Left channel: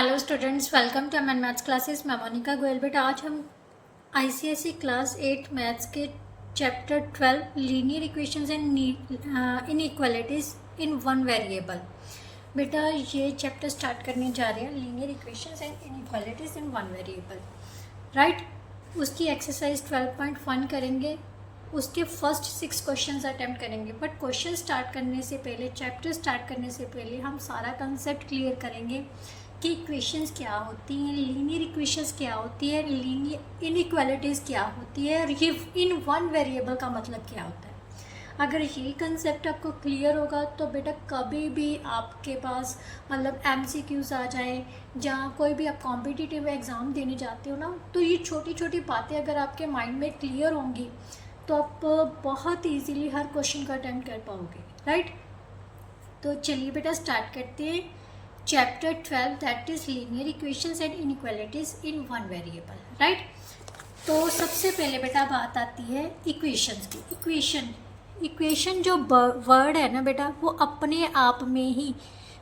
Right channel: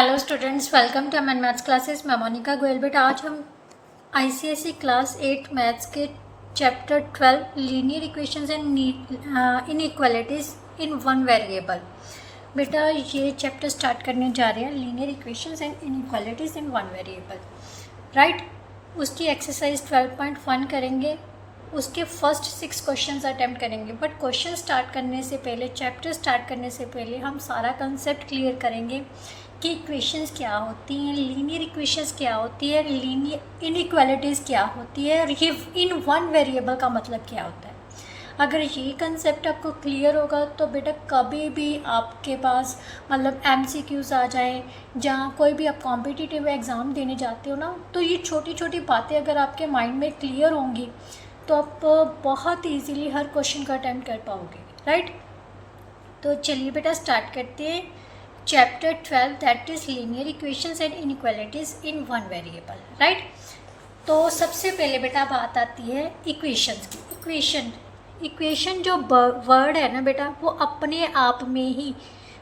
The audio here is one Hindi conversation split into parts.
Hello students, welcome to Aman maths classes. मैं मोनिका गोयल। बेटा आज हम आईसीएसई क्लास 8 मैथ्स के chapter 12 linear equations and inequalities in one variable. बेटा ये चैप्टर स्टार्ट करने जा रहे हैं, linear equations and inequalities in one variable, right. उसकी एक्सरसाइज 12.1 करेंगे, उसके फर्स्ट 6 क्वेश्चंस अटैम्प्ट करेंगे। बट क्वेश्चन स्टार्ट करने से पहले, चैप्टर स्टार्ट करने से पहले हम सारा कंसेप्ट क्लियर करेंगे कि इक्वेशंस क्या होती हैं, लीनियर इक्वेशंस क्या होती है, लीनियर इनइक्वालिटीज़ क्या होती है, और ये इन वन वेरिएबल का मतलब क्या होता है। अगर ये कंसेप्ट आपको क्लियर होगा तो बेटा कभी भी आपके पास मतलब एमसीक्यूज़ आ जाए, जहाँ कोई भी आप कॉम्पिटिटिव एग्ज़ाम देने जाते हो ना, तो ये छोटी छोटी बातें अगर आपके माइंड में क्लियर होंगी तो आप बहुत ईजीली हर क्वेश्चन का अटेम्प्ट कर पाओगे, राइट। तो चलिए बेटा स्टार्ट करते हैं chapter 12, that is linear equations and inequalities in one variable, right. तो सबसे पहले बेटा बात आती है इक्वेशंस की। इक्वेशन जो वर्ड है ना बेटा, वो अपने आप में ही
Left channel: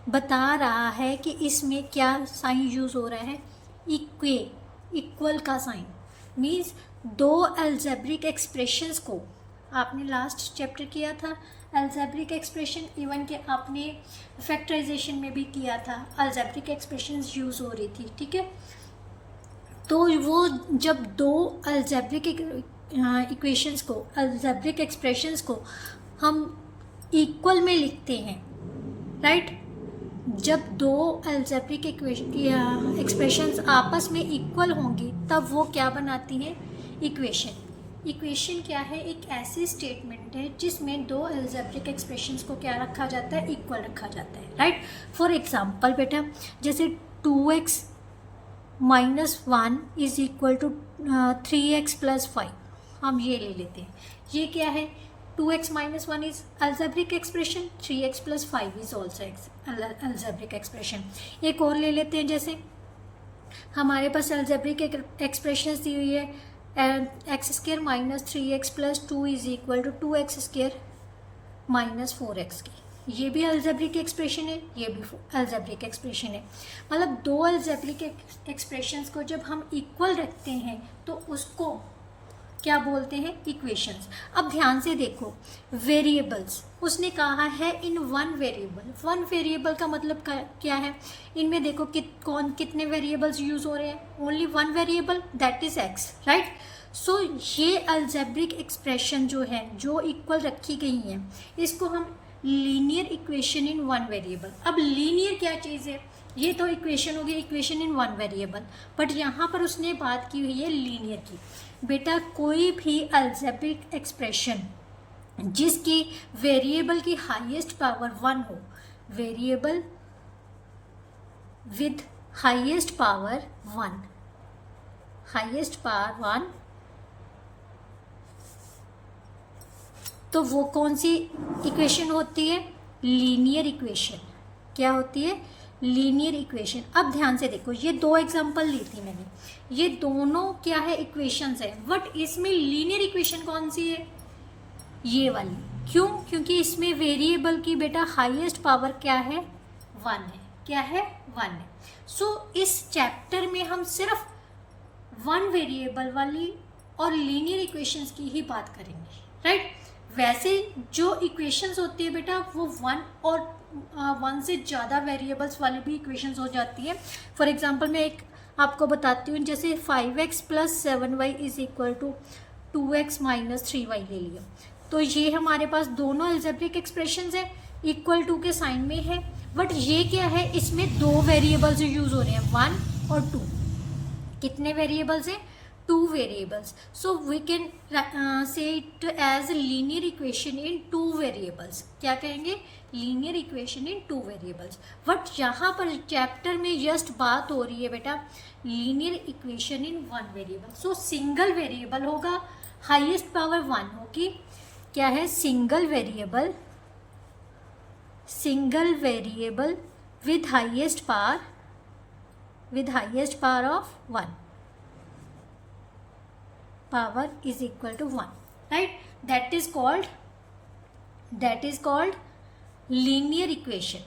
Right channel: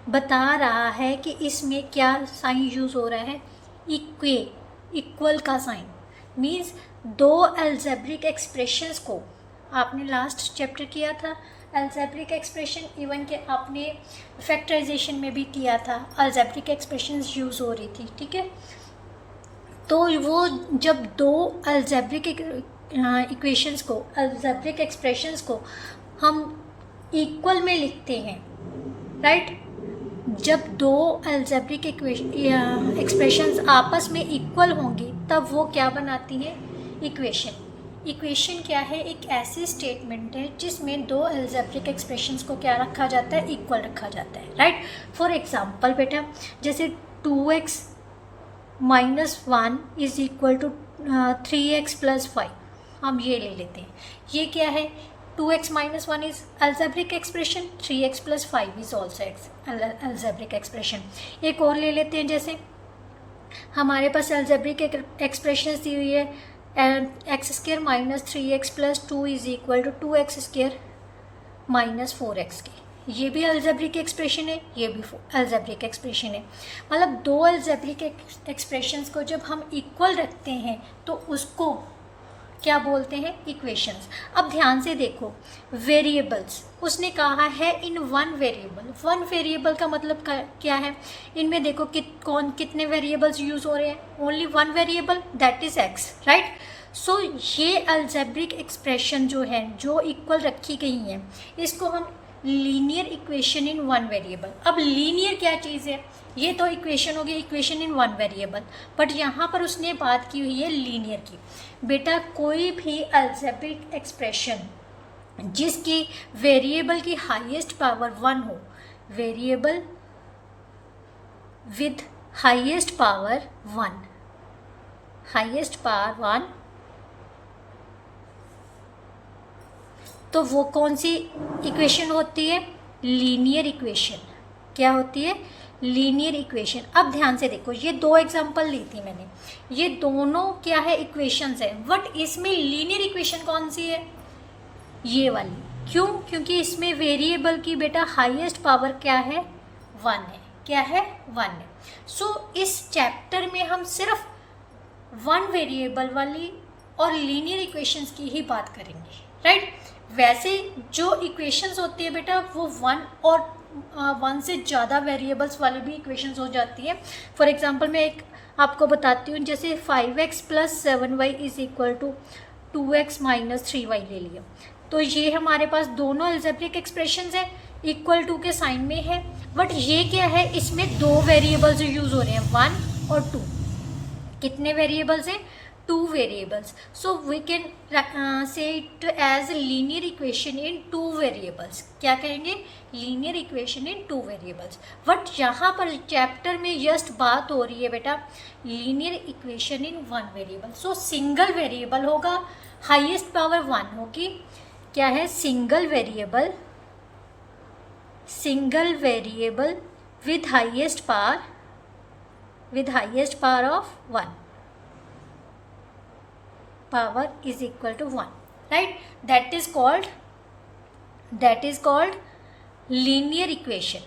बता रहा है कि इसमें क्या साइन यूज़ हो रहा है। इक्वल का साइन मीन्स दो अलजेब्रिक एक्सप्रेशंस को, आपने लास्ट चैप्टर किया था अलजेब्रिक एक्सप्रेशन, इवन के आपने फैक्टराइजेशन में भी किया था, अलजेब्रिक एक्सप्रेशंस यूज़ हो रही थी, ठीक है। तो वो जब दो अलजेब्रिक इक्वेशंस को, अलजेब्रिक एक्सप्रेशंस को हम इक्वल में लिखते हैं, राइट। जब दो अलजेब्रिक एक्सप्रेशंस आपस में इक्वल होंगी तब वो क्या बनाती हैं, इक्वेशन। इक्वेशन क्या है, एक ऐसी स्टेटमेंट है जिसमें दो अलजेब्रिक एक्सप्रेशंस को क्या रखा जाता है, इक्वल रखा जाता है, राइट। फॉर एग्जांपल बेटा जैसे 2x minus 1 is equal to 3x plus 5, हम ये ले लेते हैं। ये क्या है, 2x minus 1 is algebraic expression, 3x plus 5 is also algebraic expression. एक और ले लेते हैं, जैसे हमारे पास अलजेब्रिक एक्सप्रेशन दी हुई है x square minus 3x plus 2 is equal to 2x square minus 4x के। ये भी अलजेब्रिक एक्सप्रेशन है, ये भी अलजेब्रिक एक्सप्रेशन है। मतलब दो अलजेब्रिक एक्सप्रेशंस को जब हम इक्वल रखते हैं तो उसको क्या बोलते हैं, इक्वेशंस। अब ध्यान से देखो, वेरिएबल्स उसने कहा है इन वन वेरिएबल। वन वेरिएबल का मतलब क्या है, इनमें देखो कितने वेरिएबल्स यूज हो रहे हैं, only one variable that is x, right. So ये अलजेब्रिक एक्सप्रेशन जो है, जो इक्वल रखी गई हैं, इसको हम लीनियर इक्वेशन इन वन वेरिएबल। अब लीनियर क्या चीज़ है, ये तो इक्वेशन होगी, equation in one variable, but यहाँ पर उसने बात की हुई है लीनियर की। बेटा कोई भी अलजेब्रिक एक्सप्रेशन जिसकी वेरिएबल की हाईएस्ट पावर 1 हो, variable with highest power 1, highest power 1, तो वो कौन सी इक्वेशन होती है, लीनियर इक्वेशन। क्या होती है, लीनियर इक्वेशन। अब ध्यान से देखो, ये दो एग्जांपल ली थी मैंने, ये दोनों क्या है, इक्वेशंस है, बट इसमें लीनियर इक्वेशन कौन सी है, ये वाली। क्यों, क्योंकि इसमें वेरिएबल की बेटा हाईएस्ट पावर क्या है, 1 है। क्या है, 1 है। सो इस चैप्टर में हम सिर्फ वन वेरिएबल वाली और लीनियर इक्वेशंस की ही बात करेंगे, राइट। वैसे जो इक्वेशंस होती है बेटा वो 1 और 1 से ज़्यादा वेरिएबल्स वाली भी इक्वेशंस हो जाती है। फॉर एग्जांपल मैं एक आपको बताती हूँ, जैसे 5x plus 7y is equal to 2x minus 3y ले लिया, तो ये हमारे पास दोनों अलजेब्रिक एक्सप्रेशंस है, इक्वल टू के साइन में है, बट ये क्या है, इसमें दो वेरिएबल्स यूज़ हो रहे हैं, 1 और 2। कितने वेरिएबल्स हैं, 2 variables. So we can say it as linear equation in 2 variables. क्या कहेंगे, linear equation in 2 variables. But यहाँ पर चैप्टर में जस्ट बात हो रही है बेटा लीनियर इक्वेशन इन 1 वेरिएबल। सो सिंगल वेरिएबल होगा, हाईएस्ट पावर 1 होगी। क्या है, single variable with highest power of 1, power is equal to 1, right. that is called linear equation,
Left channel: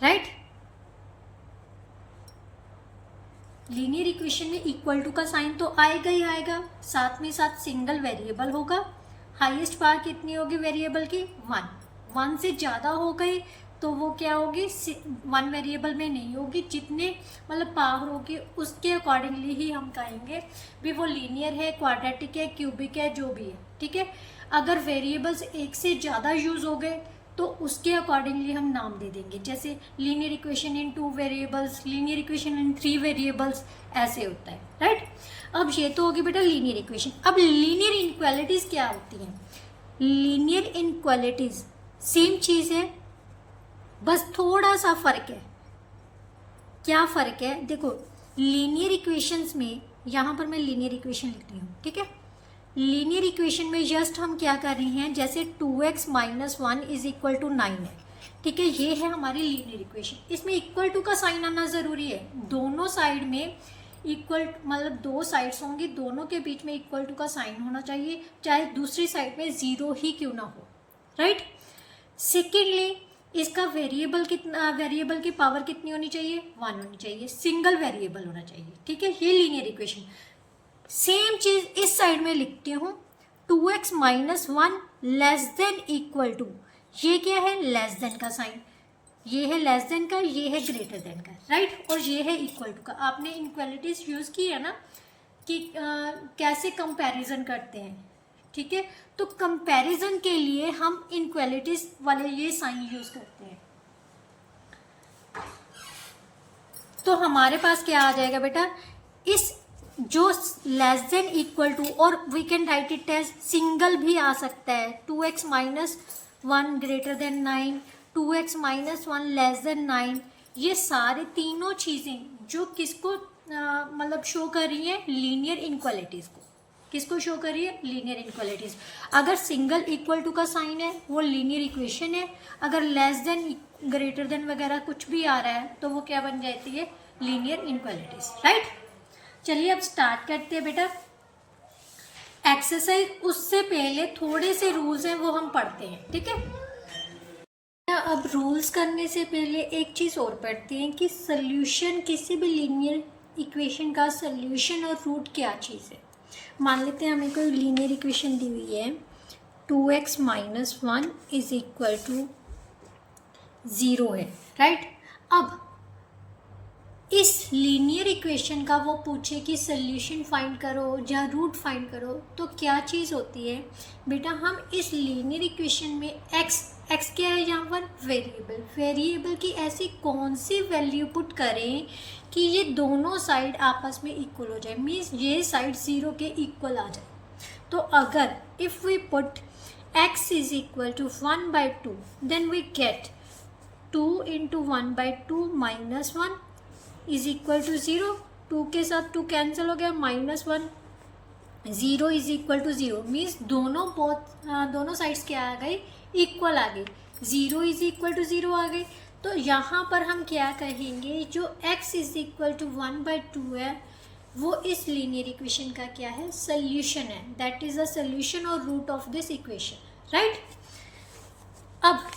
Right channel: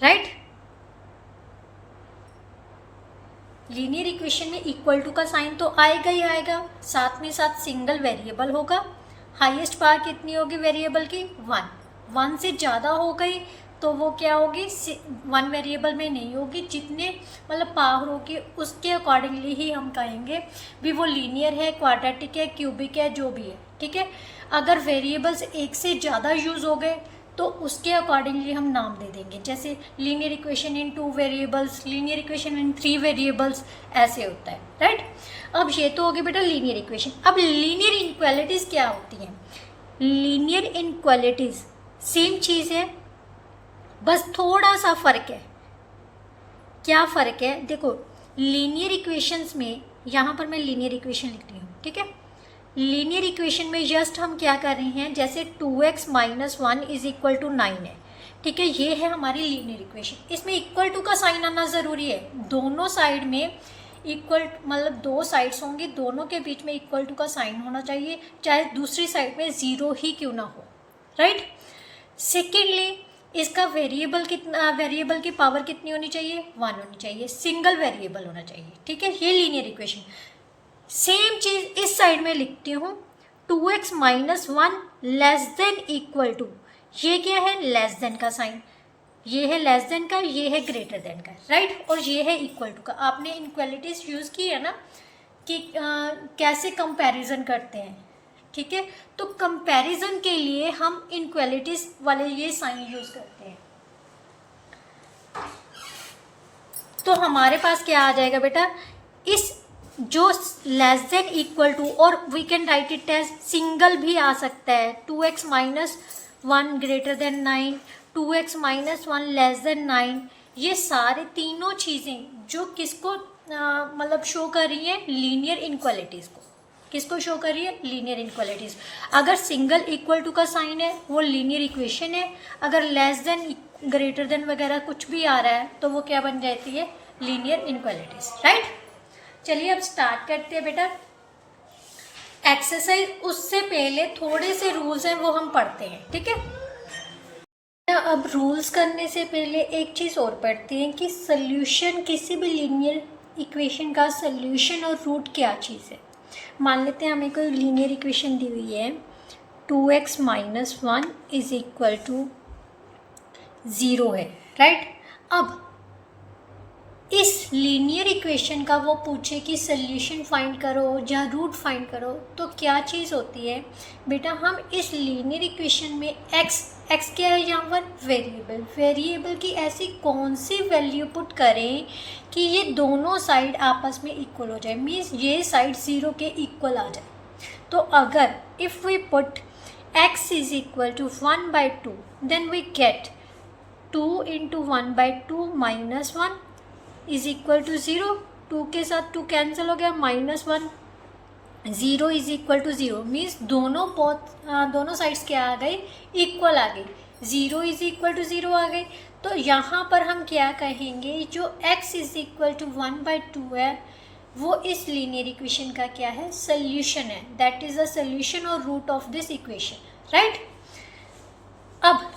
right. Linear equation में इक्वल टू का साइन तो आएगा ही आएगा, साथ में साथ सिंगल वेरिएबल होगा, हाईएस्ट पावर कितनी होगी वेरिएबल की 1, 1 से ज़्यादा हो गई तो वो क्या होगी 1 वेरिएबल में नहीं होगी, जितने मतलब पावर होगी उसके अकॉर्डिंगली ही हम कहेंगे भी वो लीनियर है, क्वाड्रेटिक है, क्यूबिक है, जो भी है, ठीक है। अगर वेरिएबल्स एक से ज़्यादा यूज़ हो गए तो उसके अकॉर्डिंगली हम नाम दे देंगे, जैसे linear equation in 2 variables, linear equation in 3 variables, ऐसे होता है, राइट। अब ये तो होगी बेटा लीनियर इक्वेशन। अब लीनियर इनक्वालिटीज़ क्या होती हैं? लीनियर इनक्वालिटीज़ सेम चीज़ है, बस थोड़ा सा फ़र्क है। क्या फ़र्क है? देखो लीनियर इक्वेशंस में, यहाँ पर मैं लीनियर इक्वेशन लिख रही हूँ, ठीक है। लीनियर इक्वेशन में जस्ट हम क्या कर रहे हैं, जैसे 2x - 1 = 9 है, ठीक है, ये है हमारी लीनियर इक्वेशन। इसमें इक्वल टू का साइन आना ज़रूरी है, दोनों साइड में इक्वल, मतलब 2 साइड्स होंगी, दोनों के बीच में इक्वल टू का साइन होना चाहिए, चाहे दूसरी साइड में 0 ही क्यों ना हो, राइट। सेकेंडली इसका वेरिएबल कितना, वेरिएबल की पावर कितनी होनी चाहिए 1 होनी चाहिए, सिंगल वेरिएबल होना चाहिए, ठीक है। ये लीनियर इक्वेशन। सेम चीज़ इस साइड में लिखती हूँ, 2x - 1 <= ये क्या है, लेस देन का साइन, ये है लेस देन का, ये है ग्रेटर देन का, राइट, और ये है इक्वल टू का। आपने इनक्वालिटीज यूज़ की है ना कि कैसे कंपैरिजन करते हैं, ठीक है। तो कंपैरिजन के लिए हम इनक्वालिटीज वाले ये साइन यूज़ करते हैं। तो हमारे पास क्या आ जाएगा बेटा, इस जो लेस देन इक्वल टू, और we can write it as single भी आ सकता है, 2x - 1 > 9, 2x - 1 < 9, ये सारे तीनों चीज़ें जो किसको मतलब शो कर रही हैं, लीनियर इनक्वालिटीज़ को। किसको शो कर रही है, लीनियर इनक्वालिटीज़। अगर सिंगल इक्वल टू का साइन है वो लीनियर इक्वेशन है, अगर लेस देन, ग्रेटर देन वगैरह कुछ भी आ रहा है तो वो क्या बन जाती है, लीनियर इनक्वालिटीज़, राइट। चलिए अब स्टार्ट करते हैं बेटा एक्सरसाइज। उससे पहले थोड़े से रूल्स हैं वो हम पढ़ते हैं, ठीक है। अब रूल्स करने से पहले एक चीज़ और पढ़ते हैं कि सल्यूशन, किसी भी लीनियर इक्वेशन का सल्यूशन और रूट क्या चीज़ है। मान लेते हैं हमें कोई लीनियर इक्वेशन दी हुई है, 2x - 1 = 0 है, राइट। अब इस लीनियर इक्वेशन का वो पूछे कि सल्यूशन फाइंड करो या रूट फाइंड करो, तो क्या चीज़ होती है बेटा, हम इस लीनियर इक्वेशन में x क्या है यहाँ पर, वेरिएबल की ऐसी कौन सी वैल्यू पुट करें कि ये दोनों साइड आपस में इक्वल हो जाए, मीन्स ये साइड 0 के इक्वल आ जाए। तो अगर if we put x = 1/2 then we get 2 × 1/2 - 1 = 0, 2 के साथ 2 कैंसिल हो गया, -1, 0 = 0, मीन्स दोनों साइड्स क्या आ गई, इक्वल आ गई, 0 = 0 आ गई। तो यहाँ पर हम क्या कहेंगे, जो x = 1/2 है वो इस लीनियर इक्वेशन का क्या है, सल्यूशन है, दैट इज़ द सल्यूशन और root of this equation, right. अब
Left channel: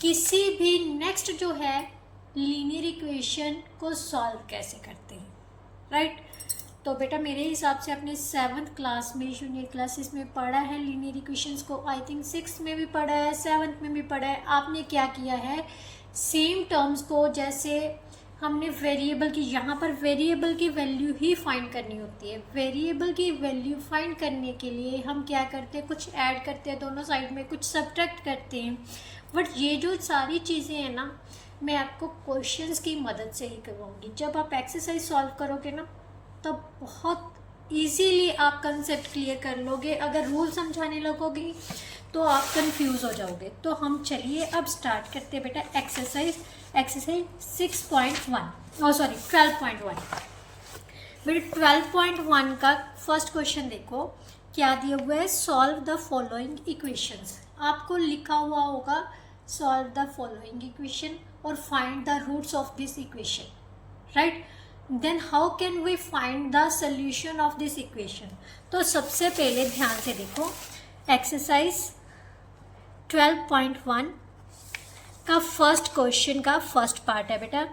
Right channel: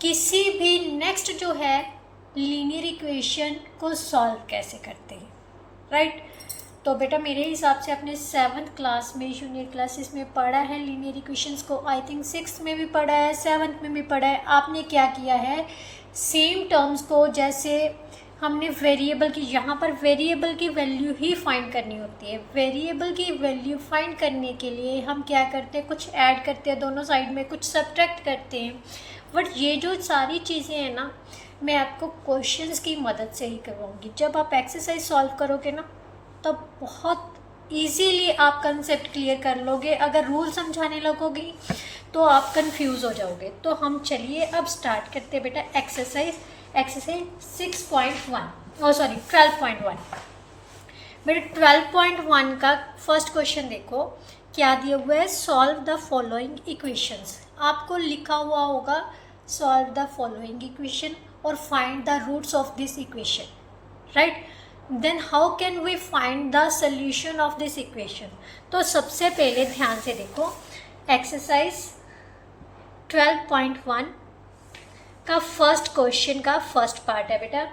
किसी भी नेक्स्ट जो है लीनियर इक्वेशन को सॉल्व कैसे करते हैं, राइट। तो बेटा मेरे हिसाब से आपने 7th क्लास में, जूनियर क्लासेस में पढ़ा है लीनियर इक्वेशंस को, आई थिंक 6th में भी पढ़ा है, 7th में भी पढ़ा है। आपने क्या किया है, सेम टर्म्स को, जैसे हमने वेरिएबल की, यहाँ पर वेरिएबल की वैल्यू ही फाइंड करनी होती है। वेरिएबल की वैल्यू फाइंड करने के लिए हम क्या करते हैं, कुछ ऐड करते हैं दोनों साइड में, कुछ सब्ट्रैक्ट करते हैं। बट ये जो सारी चीज़ें हैं ना, मैं आपको क्वेश्चंस की मदद से ही करवाऊँगी। जब आप एक्सरसाइज सॉल्व करोगे ना तब बहुत इजीली आप कंसेप्ट क्लियर कर लोगे। अगर रूल समझाने लगोगे तो आप कंफ्यूज हो जाओगे। तो हम चलिए अब स्टार्ट करते हैं बेटा एक्सरसाइज 6.1 12.1। बेटा 12.1 का फर्स्ट क्वेश्चन देखो क्या दिया हुआ है, सॉल्व द फॉलोइंग इक्वेशंस। आपको लिखा हुआ होगा सॉल्व द फॉलोइंग इक्वेशन और find the roots of this equation, right. Then how can we find the solution of this equation. तो सबसे पहले ध्यान से देखो एक्सरसाइज 12.1 का फर्स्ट क्वेश्चन का फर्स्ट पार्ट है बेटा,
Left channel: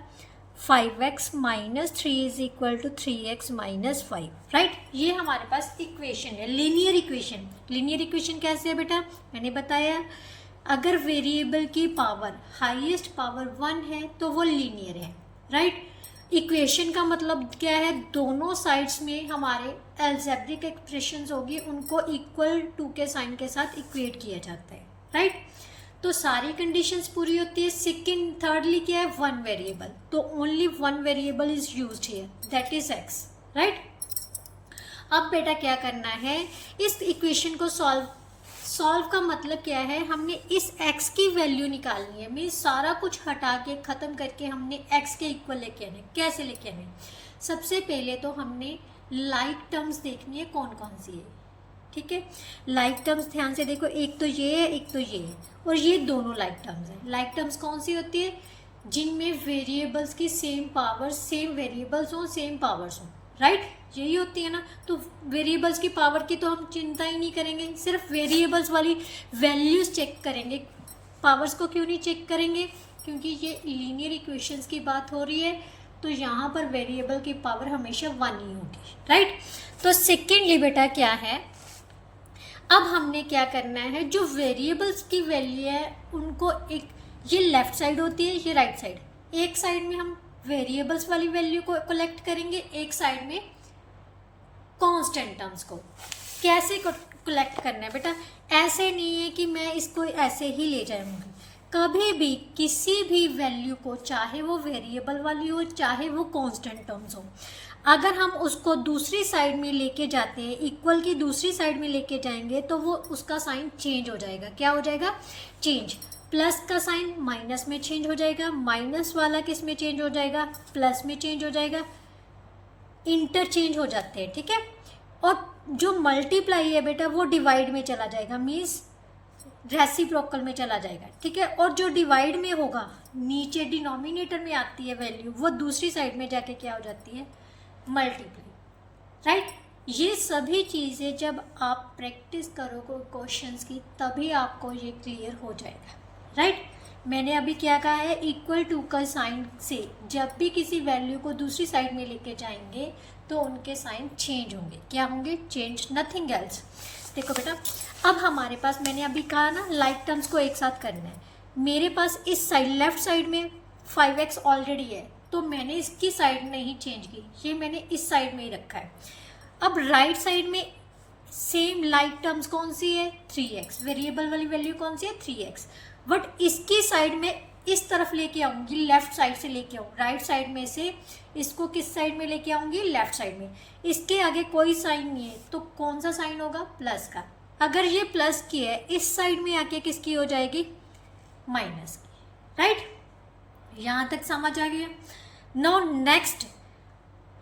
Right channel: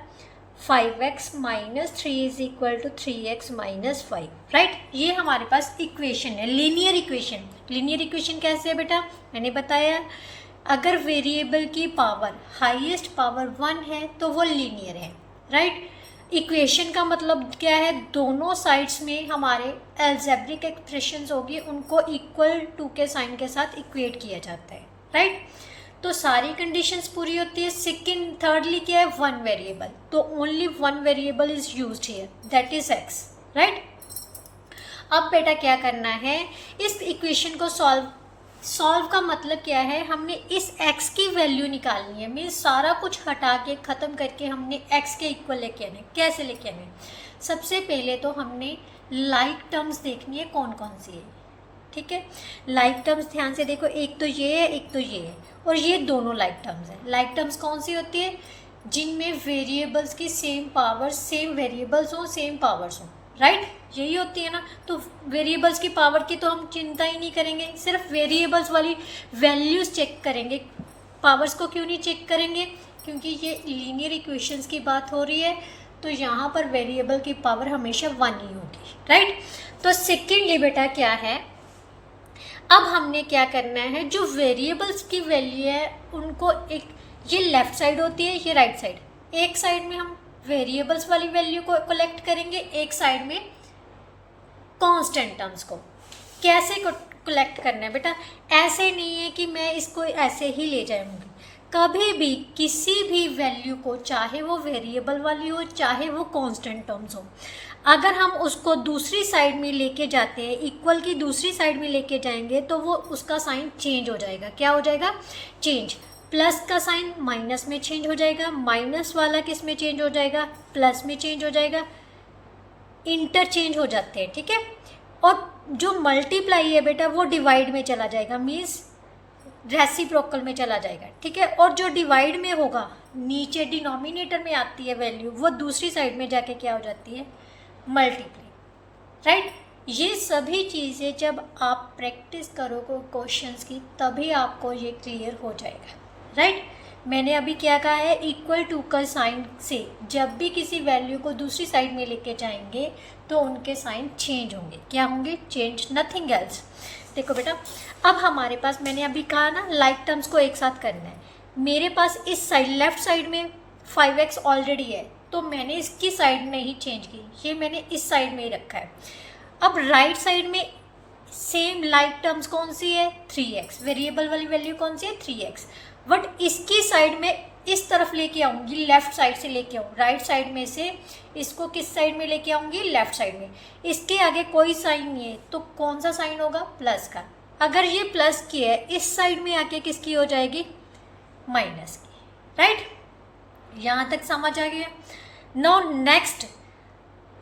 5x minus 3 is equal to 3x minus 5, right. ये हमारे पास इक्वेशन है, लीनियर इक्वेशन। लीनियर इक्वेशन कैसे है बेटा, मैंने बताया अगर वेरिएबल की पावर हाईएस्ट पावर 1 है तो वो लीनियर है, राइट। इक्वेशन का मतलब क्या है, दोनों साइड्स में हमारे अलजेब्रिक एक्सप्रेशंस होगी, उनको इक्वल टू के साइन के साथ इक्वेट किया जाता है, राइट। तो सारी कंडीशंस पूरी होती है। सेकंड थर्डली क्या है, वन वेरिएबल, तो only one variable is used here, that is x, right. अब बेटा क्या करना है, इस इक्वेशन को सॉल्व का मतलब क्या है, हमने इस x की वैल्यू निकालनी है, मीन्स सारा कुछ हटा के ख़त्म करके हमने x के इक्वल लेके आने। कैसे लेके आने, सबसे पहले तो हमने लाइक टर्म्स देखनी है कौन कौन सी है, ठीक है। लाइक टर्म्स ध्यान से देखो, एक तो ये है, एक तो ये है, और ये दोनों लाइक टर्म्स हैं। लाइक टर्म्स कौन सी होती है, जिनमें वेरिएबल्स की सेम पावर, सेम वेरिएबल्स हो, सेम पावर्स हो, राइट, यही होती है ना। तो वेरिएबल्स की पावर की तो हम चिंता ही नहीं करेंगे, सिर्फ वेरिएबल्स वाली वैल्यूज़ चेक करेंगे। पावर्स को क्यों नहीं चेक करेंगे, क्योंकि ये लीनियर इक्वेशंस की बात हो रही है, तो यहाँ पर वेरिएबल की पावर हमेशा 1 ही होगी, राइट। तो सेकेंडली बेटा क्या है, अब हमने क्या करना है, जो वेरिएबल्स की वैल्यू है उनको एक, ये लेफ्ट साइड होती है, ये राइट साइड, एक साइड में हम वेरिएबल्स वाली वैल्यू को कलेक्ट करेंगे, एक साइड में कांस्टेंट टर्म्स को। कैसे कलेक्ट करना है बेटा, ऐसे नहीं है कि मैं इसको ऐसे ही ले जाऊंगी, कभी भी किसी भी वैल्यू को, चाहे वो वेरिएबल वाली हो चाहे वो कांस्टेंट टर्म्स हो, अगर हम उसको दूसरी साइड में लेके जाते हैं, इक्वल की दूसरी साइड में लेके जाएंगे, तो वो उसका साइन चेंज हो जाएगा। क्या हो जाएगा, चेंज। प्लस का साइन माइनस में चेंज हो जाएगा, माइनस वाला किस में चेंज हो जाएगा, प्लस में चेंज हो जाएगा, इंटरचेंज हो जाते हैं, ठीक है। और जो मल्टीप्लाई है बेटा वो डिवाइड में चला जाएगा, मीन्स रेसिप्रोकल में चला जाएगा, ठीक है। और जो डिवाइड में होगा, नीचे डिनोमिनेटर में आती है वैल्यू, वो दूसरी साइड में जाके क्या हो जाती है, मल्टीप्लाई, राइट। ये सभी चीज़ें जब आप प्रैक्टिस करोगे क्वेश्चंस की, तभी आपको ये क्लियर हो जाएगा, राइट। मैंने अभी क्या कहा है, इक्वल टू का साइन से जब भी किसी वैल्यू को दूसरी साइड में लेके जाएंगे तो उनके साइन चेंज होंगे। क्या होंगे, चेंज, नथिंग एल्स। देखो बेटा, अब हमारे पास, मैंने अभी कहा ना, लाइक टर्म्स को एक साथ करना है। मेरे पास इस साइड, लेफ्ट साइड में 5x ऑलरेडी है, तो मैंने इसकी साइड में ही चेंज की, ये मैंने इस साइड में ही रखा है। अब राइट साइड में सेम लाइक टर्म्स कौन सी है, 3x, वेरिएबल वाली वैल्यू कौन सी है, 3x, बट इसकी साइड में इस तरफ लेके आऊँगी, लेफ्ट साइड से लेके आऊँ, राइट साइड में से इसको किस साइड में लेके आऊँगी, लेफ्ट साइड में। इसके आगे कोई साइन नहीं है, तो कौन सा साइन होगा, प्लस का। अगर ये प्लस की है, इस साइड में आके किसकी हो जाएगी, माइनस की, राइट। यहाँ तक समझ आ गया। नाउ नेक्स्ट,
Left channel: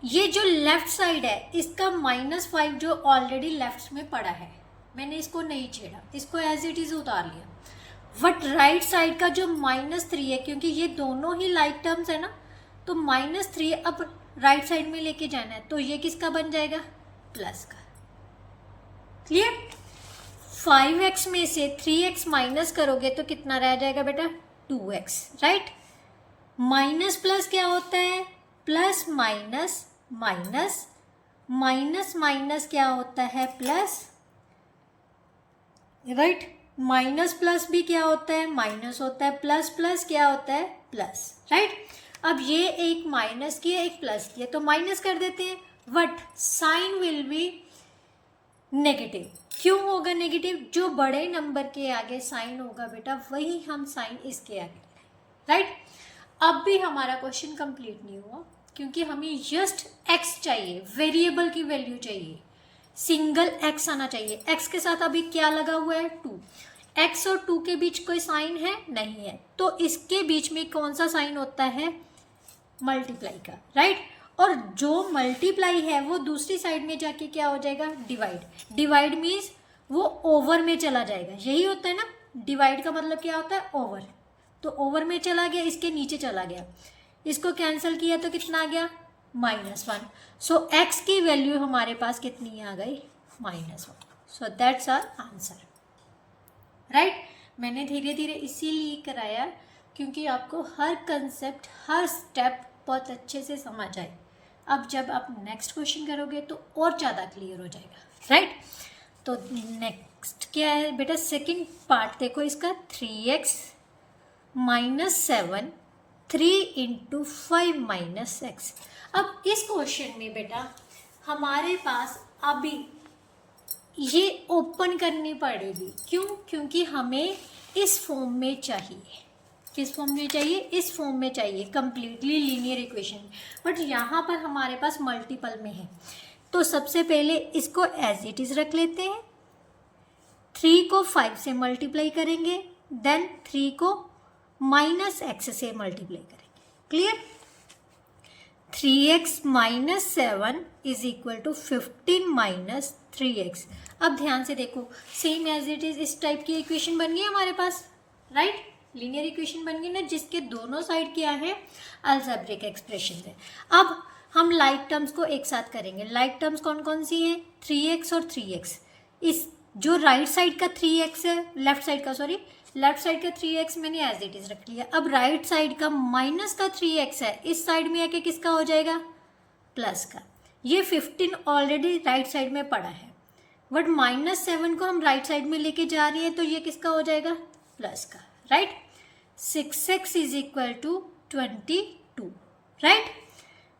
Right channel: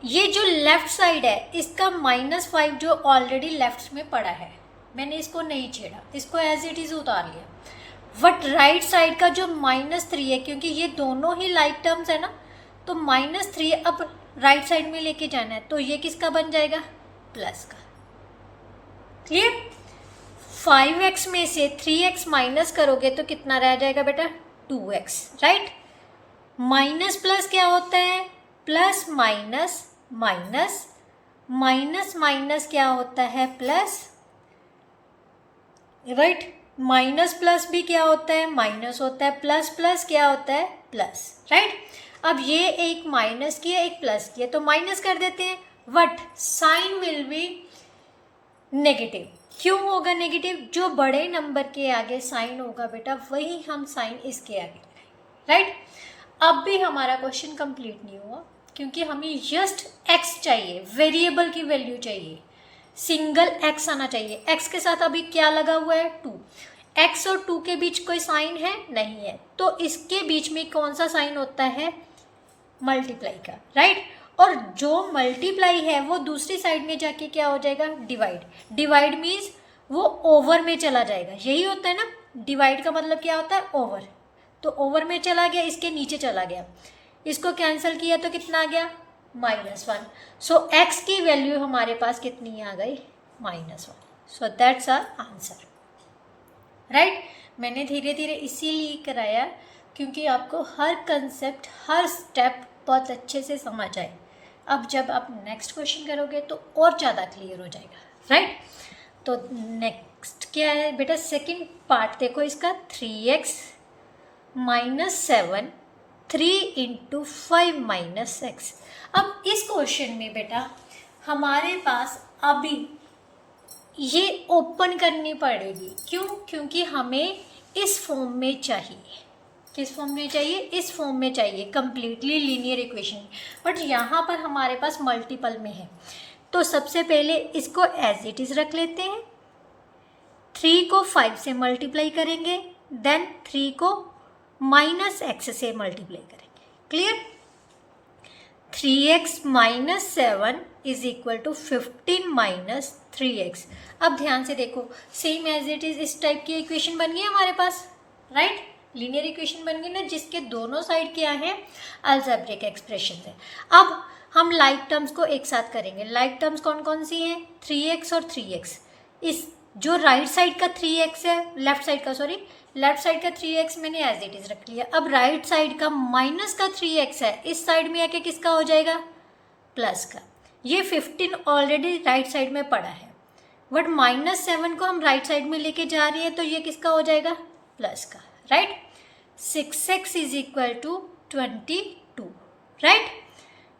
ये जो लेफ्ट साइड है, इसका -5 जो ऑलरेडी लेफ्ट में पड़ा है, मैंने इसको नहीं छेड़ा, इसको एज इट इज़ उतार लिया। बट राइट साइड का जो -3 है, क्योंकि ये दोनों ही लाइक टर्म्स है ना, तो -3 अब राइट साइड में लेके जाना है, तो ये किसका बन जाएगा, प्लस का। क्लियर। 5x में से 3x माइनस करोगे तो कितना रह जाएगा बेटा, 2x, राइट। माइनस प्लस क्या होता है, plus minus minus, minus minus क्या होता है, प्लस, राइट। माइनस प्लस भी क्या होता है, माइनस होता है, प्लस प्लस क्या होता है, प्लस, राइट। अब ये एक माइनस की है, एक प्लस की है, तो माइनस कर देते हैं, but sign will be negative. क्यों होगा नेगेटिव, जो बड़े नंबर के आगे साइन होगा बेटा, वही हम साइन इसके आगे, राइट। अब भी हमारा क्वेश्चन कंप्लीट नहीं हुआ, क्योंकि हमें जस्ट x चाहिए, वेरिएबल की वैल्यू चाहिए, सिंगल x आना चाहिए। x के साथ अभी क्या लगा हुआ है, 2। x और 2 के बीच कोई साइन है, नहीं है, तो इसके बीच में कौन सा साइन होता है, मल्टीप्लाई का, राइट। और जो मल्टीप्लाई है वो दूसरी साइड में जाके क्या हो जाएगा, डिवाइड। डिवाइड मीन्स वो ओवर में चला जाएगा, यही होता है ना, डिवाइड का मतलब क्या होता है, ओवर। तो ओवर में चला गया, इसके नीचे चला गया, इसको कैंसिल किया तो कितना आ गया, -1। सो x की वैल्यू हमारे पास कितनी आ गई, -1। So that's our answer, right. मैंने धीरे धीरे इसीलिए कराया क्योंकि आपको हर कंसेप्ट, हर स्टेप बहुत अच्छे से समझ आए। अब जब आप नेक्स्ट क्वेश्चन करोगे तो और ज़्यादा क्लियर हो जाएगा, राइट। तो नेक्स्ट क्या है बेटा, सेकंड पार्ट देखो इसका, 3x - 7 3 × 5 - x। अब इस क्वेश्चन में बेटा हमारे पास अभी ये ओपन करनी पड़ेगी, क्यों? क्योंकि हमें इस फॉर्म में चाहिए। किस फॉर्म में चाहिए? इस फॉर्म में चाहिए, कंप्लीटली लीनियर इक्वेशन। बट यहाँ पर हमारे पास मल्टीपल में है, तो सबसे पहले इसको एज इट इज़ रख लेते हैं। 3 को 5 से मल्टीप्लाई करेंगे, देन 3 को -x से मल्टीप्लाई करेंगे। क्लियर? 3x - 7 = 15 - 3x। अब ध्यान से देखो, सेम एज इट इज इस टाइप की इक्वेशन बन गई हमारे पास, राइट। लीनियर इक्वेशन बन गई ना, जिसके दोनों साइड क्या है, अलजेब्रिक एक्सप्रेशन है। अब हम लाइक टर्म्स को एक साथ करेंगे। लाइक टर्म्स कौन कौन सी हैं? 3x और 3x। इस जो राइट साइड का 3x है, लेफ्ट साइड का 3x मैंने एज इट इज रख लिया। अब राइट साइड का माइनस का 3x है, इस साइड में आके किसका हो जाएगा? प्लस का। ये 15 ऑलरेडी राइट साइड में पड़ा है, बट -7 को हम राइट साइड में लेके जा रहे हैं, तो ये किसका हो जाएगा? प्लस का, right. 6x = 22, right,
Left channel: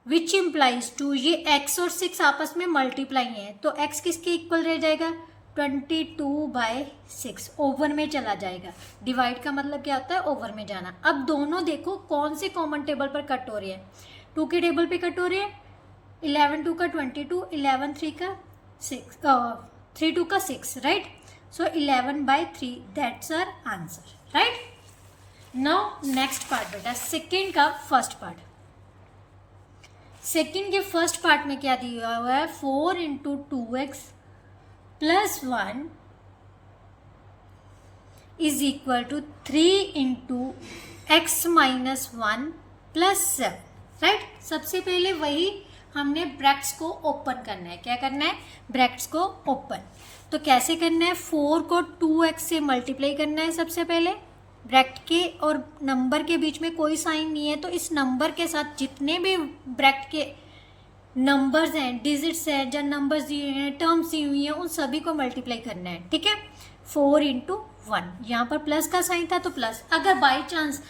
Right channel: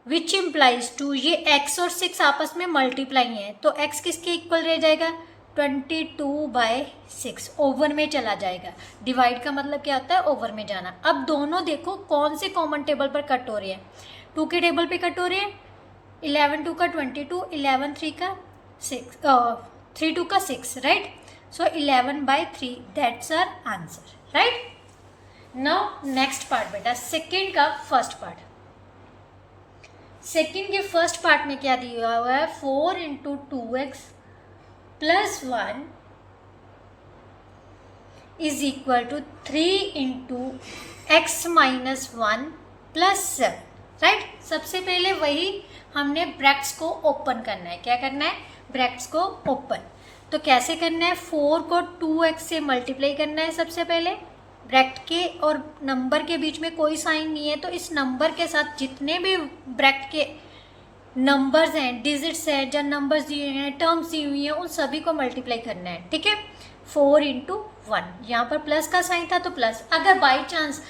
which implies 2। ये x और 6 आपस में मल्टीप्लाई है, तो x किसके इक्वल रह जाएगा? 22/6 ओवर में चला जाएगा। डिवाइड का मतलब क्या होता है? ओवर में जाना। अब दोनों देखो कौन से कॉमन टेबल पर कट हो रहे हैं? 2 के टेबल पे कट हो रहे हैं। 11 2 का 22, 11 3 का 6, 3 2 का 6, right. So 11/3 that's our answer, right. Now next part बेटा, सेकेंड का फर्स्ट पार्ट। सेकेंड के फर्स्ट पार्ट में क्या दिया हुआ है? 4 × 2x + 1 = 3 × x - 1 + 7, राइट। सबसे पहले वही हमने ब्रैकेट्स को ओपन करना है। क्या करना है? ब्रैकेट्स को ओपन। तो कैसे करना है? 4 को 2x से मल्टीप्लाई करना है सबसे पहले। ब्रैकेट के और नंबर के बीच में कोई साइन नहीं है, तो इस नंबर के साथ जितने भी ब्रैकेट के नंबर्स हैं, डिजिट्स हैं, जो नंबर्स दिए हैं, टर्म्स दी हुई हैं, उन सभी को मल्टीप्लाई करना है, ठीक है। 4 × 1, यहाँ पर प्लस का साइन था तो प्लस। अगर बाई चांस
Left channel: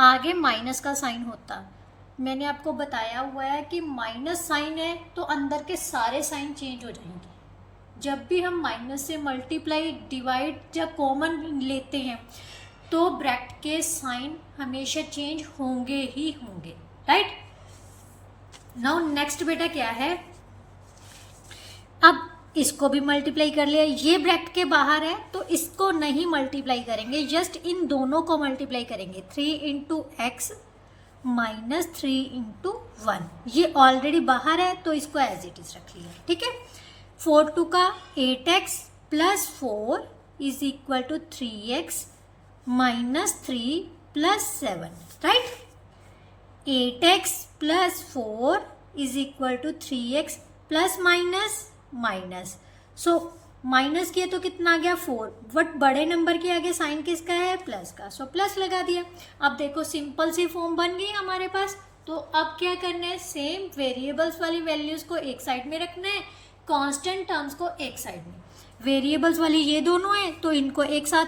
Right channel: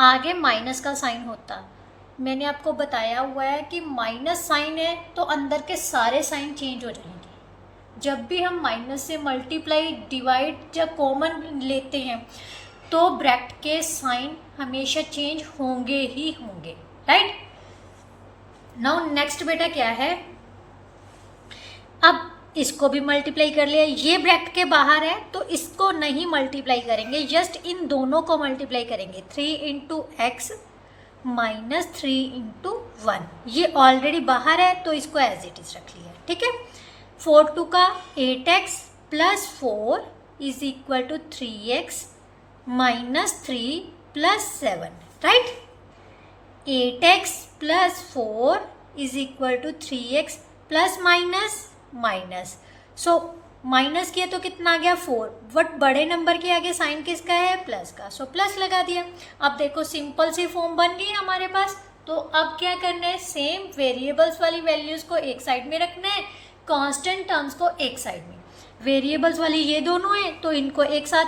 आगे माइनस का साइन होता, मैंने आपको बताया हुआ है कि माइनस साइन है तो अंदर के सारे साइन चेंज हो जाएंगे। जब भी हम माइनस से मल्टीप्लाई, डिवाइड या कॉमन लेते हैं तो ब्रैकेट के साइन हमेशा चेंज होंगे ही होंगे, राइट। नाउ नेक्स्ट बेटा क्या है? अब इसको भी मल्टीप्लाई कर लिया। ये ब्रैकेट के बाहर है तो इसको नहीं मल्टीप्लाई करेंगे, जस्ट इन दोनों को मल्टीप्लाई करेंगे। 3 × x - 3 × 1, ये ऑलरेडी बाहर है तो इसको एज इट इज रख लिया, ठीक है। 4 2 का 8x + 4 = 3x - 3 + 7, right. 8x + 4 = 3x ± so minus किया तो कितना आ गया? 4, बट बड़े नंबर के आगे साइन किसका है? प्लस का, सो प्लस लगा दिया। अब देखो सिंपल सी फॉर्म बन गई हमारे पास। तो अब क्या करना है? सेम वेरिएबल्स वाली वैल्यूज़ को एक साइड में रखना है, कांस्टेंट टर्म्स को एक साइड में। वेरिएबल्स वाली ये दोनों हैं तो इनको एक साथ,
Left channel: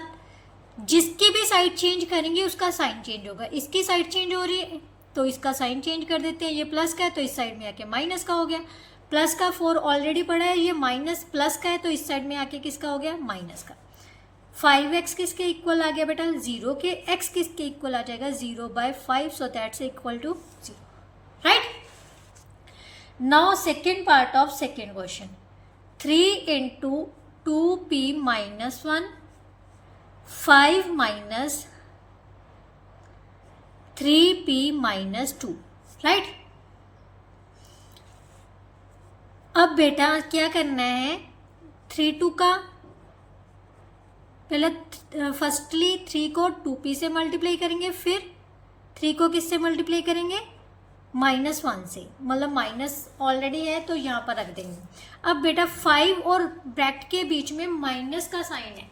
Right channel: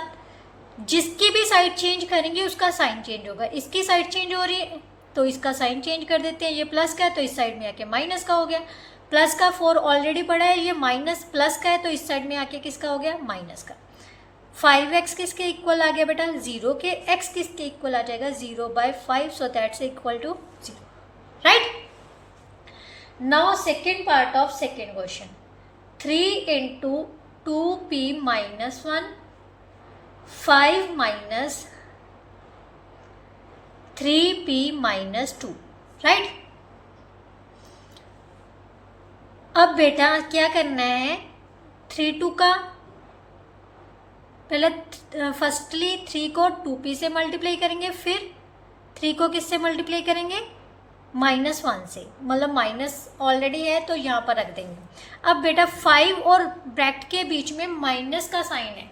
जिसकी भी साइड चेंज करेंगे उसका साइन चेंज होगा। इसकी साइड चेंज हो रही है तो इसका साइन चेंज कर देते हैं। ये प्लस का है तो इस साइड में आके माइनस का हो गया। प्लस का 4 ऑलरेडी पड़ा है, ये माइनस प्लस का है तो इस साइड में आके किसका हो गया? माइनस का। 5x किसके इक्वल आ गया बेटा? 0 के। x किसके इक्वल आ जाएगा? 0/5, so that's equal to 0, right. Now second part of second question. 3 × 2p - 1 5 - 3p - 2, right. अब बेटा क्या करना है? 3 2 का पहले फर्स्टली 3 को 2p से मल्टीप्लाई करेंगे, फिर 3 को किससे मल्टीप्लाई करेंगे? -1 से, मतलब माइनस ऑलरेडी है तो यहाँ पर रख देंगे। अब बेटा 5 और ब्रैकेट के बीच में माइनस का साइन है,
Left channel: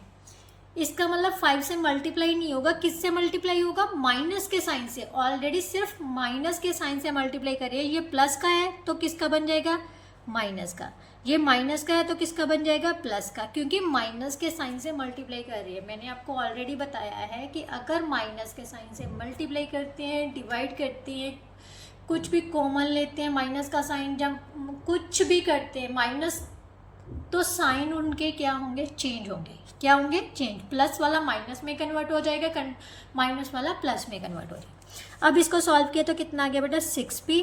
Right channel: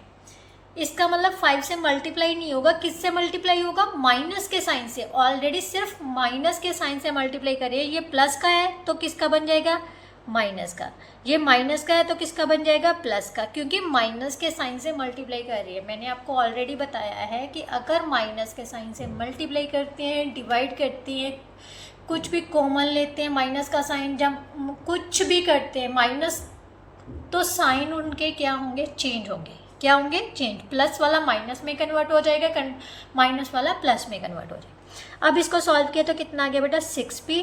इसका मतलब 5 से मल्टीप्लाई नहीं होगा, किससे मल्टीप्लाई होगा, माइनस के साइन से। ऑलरेडी सिर्फ माइनस के साइन से मल्टीप्लाई करिए। ये प्लस का है तो किसका बन जाएगा, माइनस का। ये माइनस का है तो किसका बन जाएगा, प्लस का, क्योंकि माइनस के साइन से मल्टीप्लाई कर रही है। मैंने आपको ऑलरेडी बताया है कि अगर माइनस के साइन से मल्टीप्लाई करते हैं, डिवाइड करते हैं, कुछ भी कॉमन लेते हैं, माइनस का साइन जब कुछ भी करते हैं माइनस, तो साइन उनके क्या होंगे, चेंज होंगे। क्या होंगे, चेंज। प्लस वाला माइनस में कन्वर्ट हो जाएगा, माइनस वाला प्लस में कन्वर्ट हो जाएगा। अब इसको सॉल्व किया तो कितना आ गया बेटा, 6p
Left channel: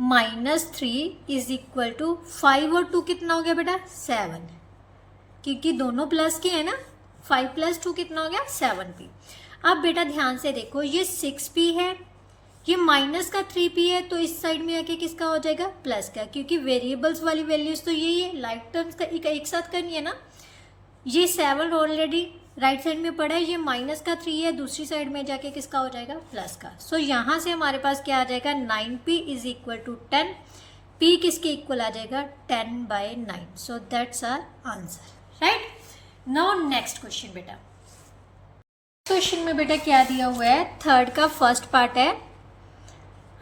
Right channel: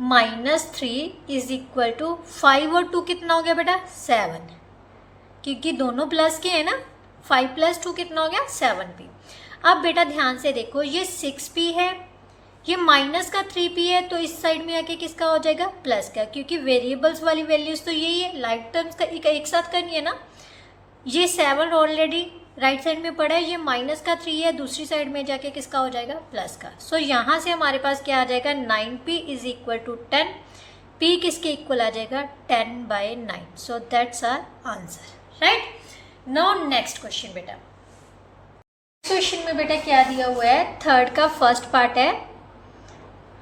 minus 3 is equal to 5 और 2 कितना हो गया बेटा, 7, क्योंकि दोनों प्लस के हैं ना। 5 + 2 कितना हो गया, 7p। अब बेटा ध्यान से देखो, ये 6p है, ये माइनस का 3p है, तो इस साइड में आके किसका हो जाएगा, प्लस का, क्योंकि वेरिएबल्स वाली वैल्यूज तो यही है, लाइक टर्म्स का एक साथ करनी है ना। ये 7 ऑलरेडी राइट साइड में पड़ा है, ये माइनस का 3 है, दूसरी साइड में जाके किसका हो जाएगा, प्लस का। सो यहाँ से हमारे पास क्या आ जाएगा, 9p is equal to 10। p किसके इक्वल आ जाएगा, 10/9। So that's our answer, right. Now next question बेटा। क्वेश्चन में बेटा क्या दिया हुआ है, थर्ड का फर्स्ट पार्ट है।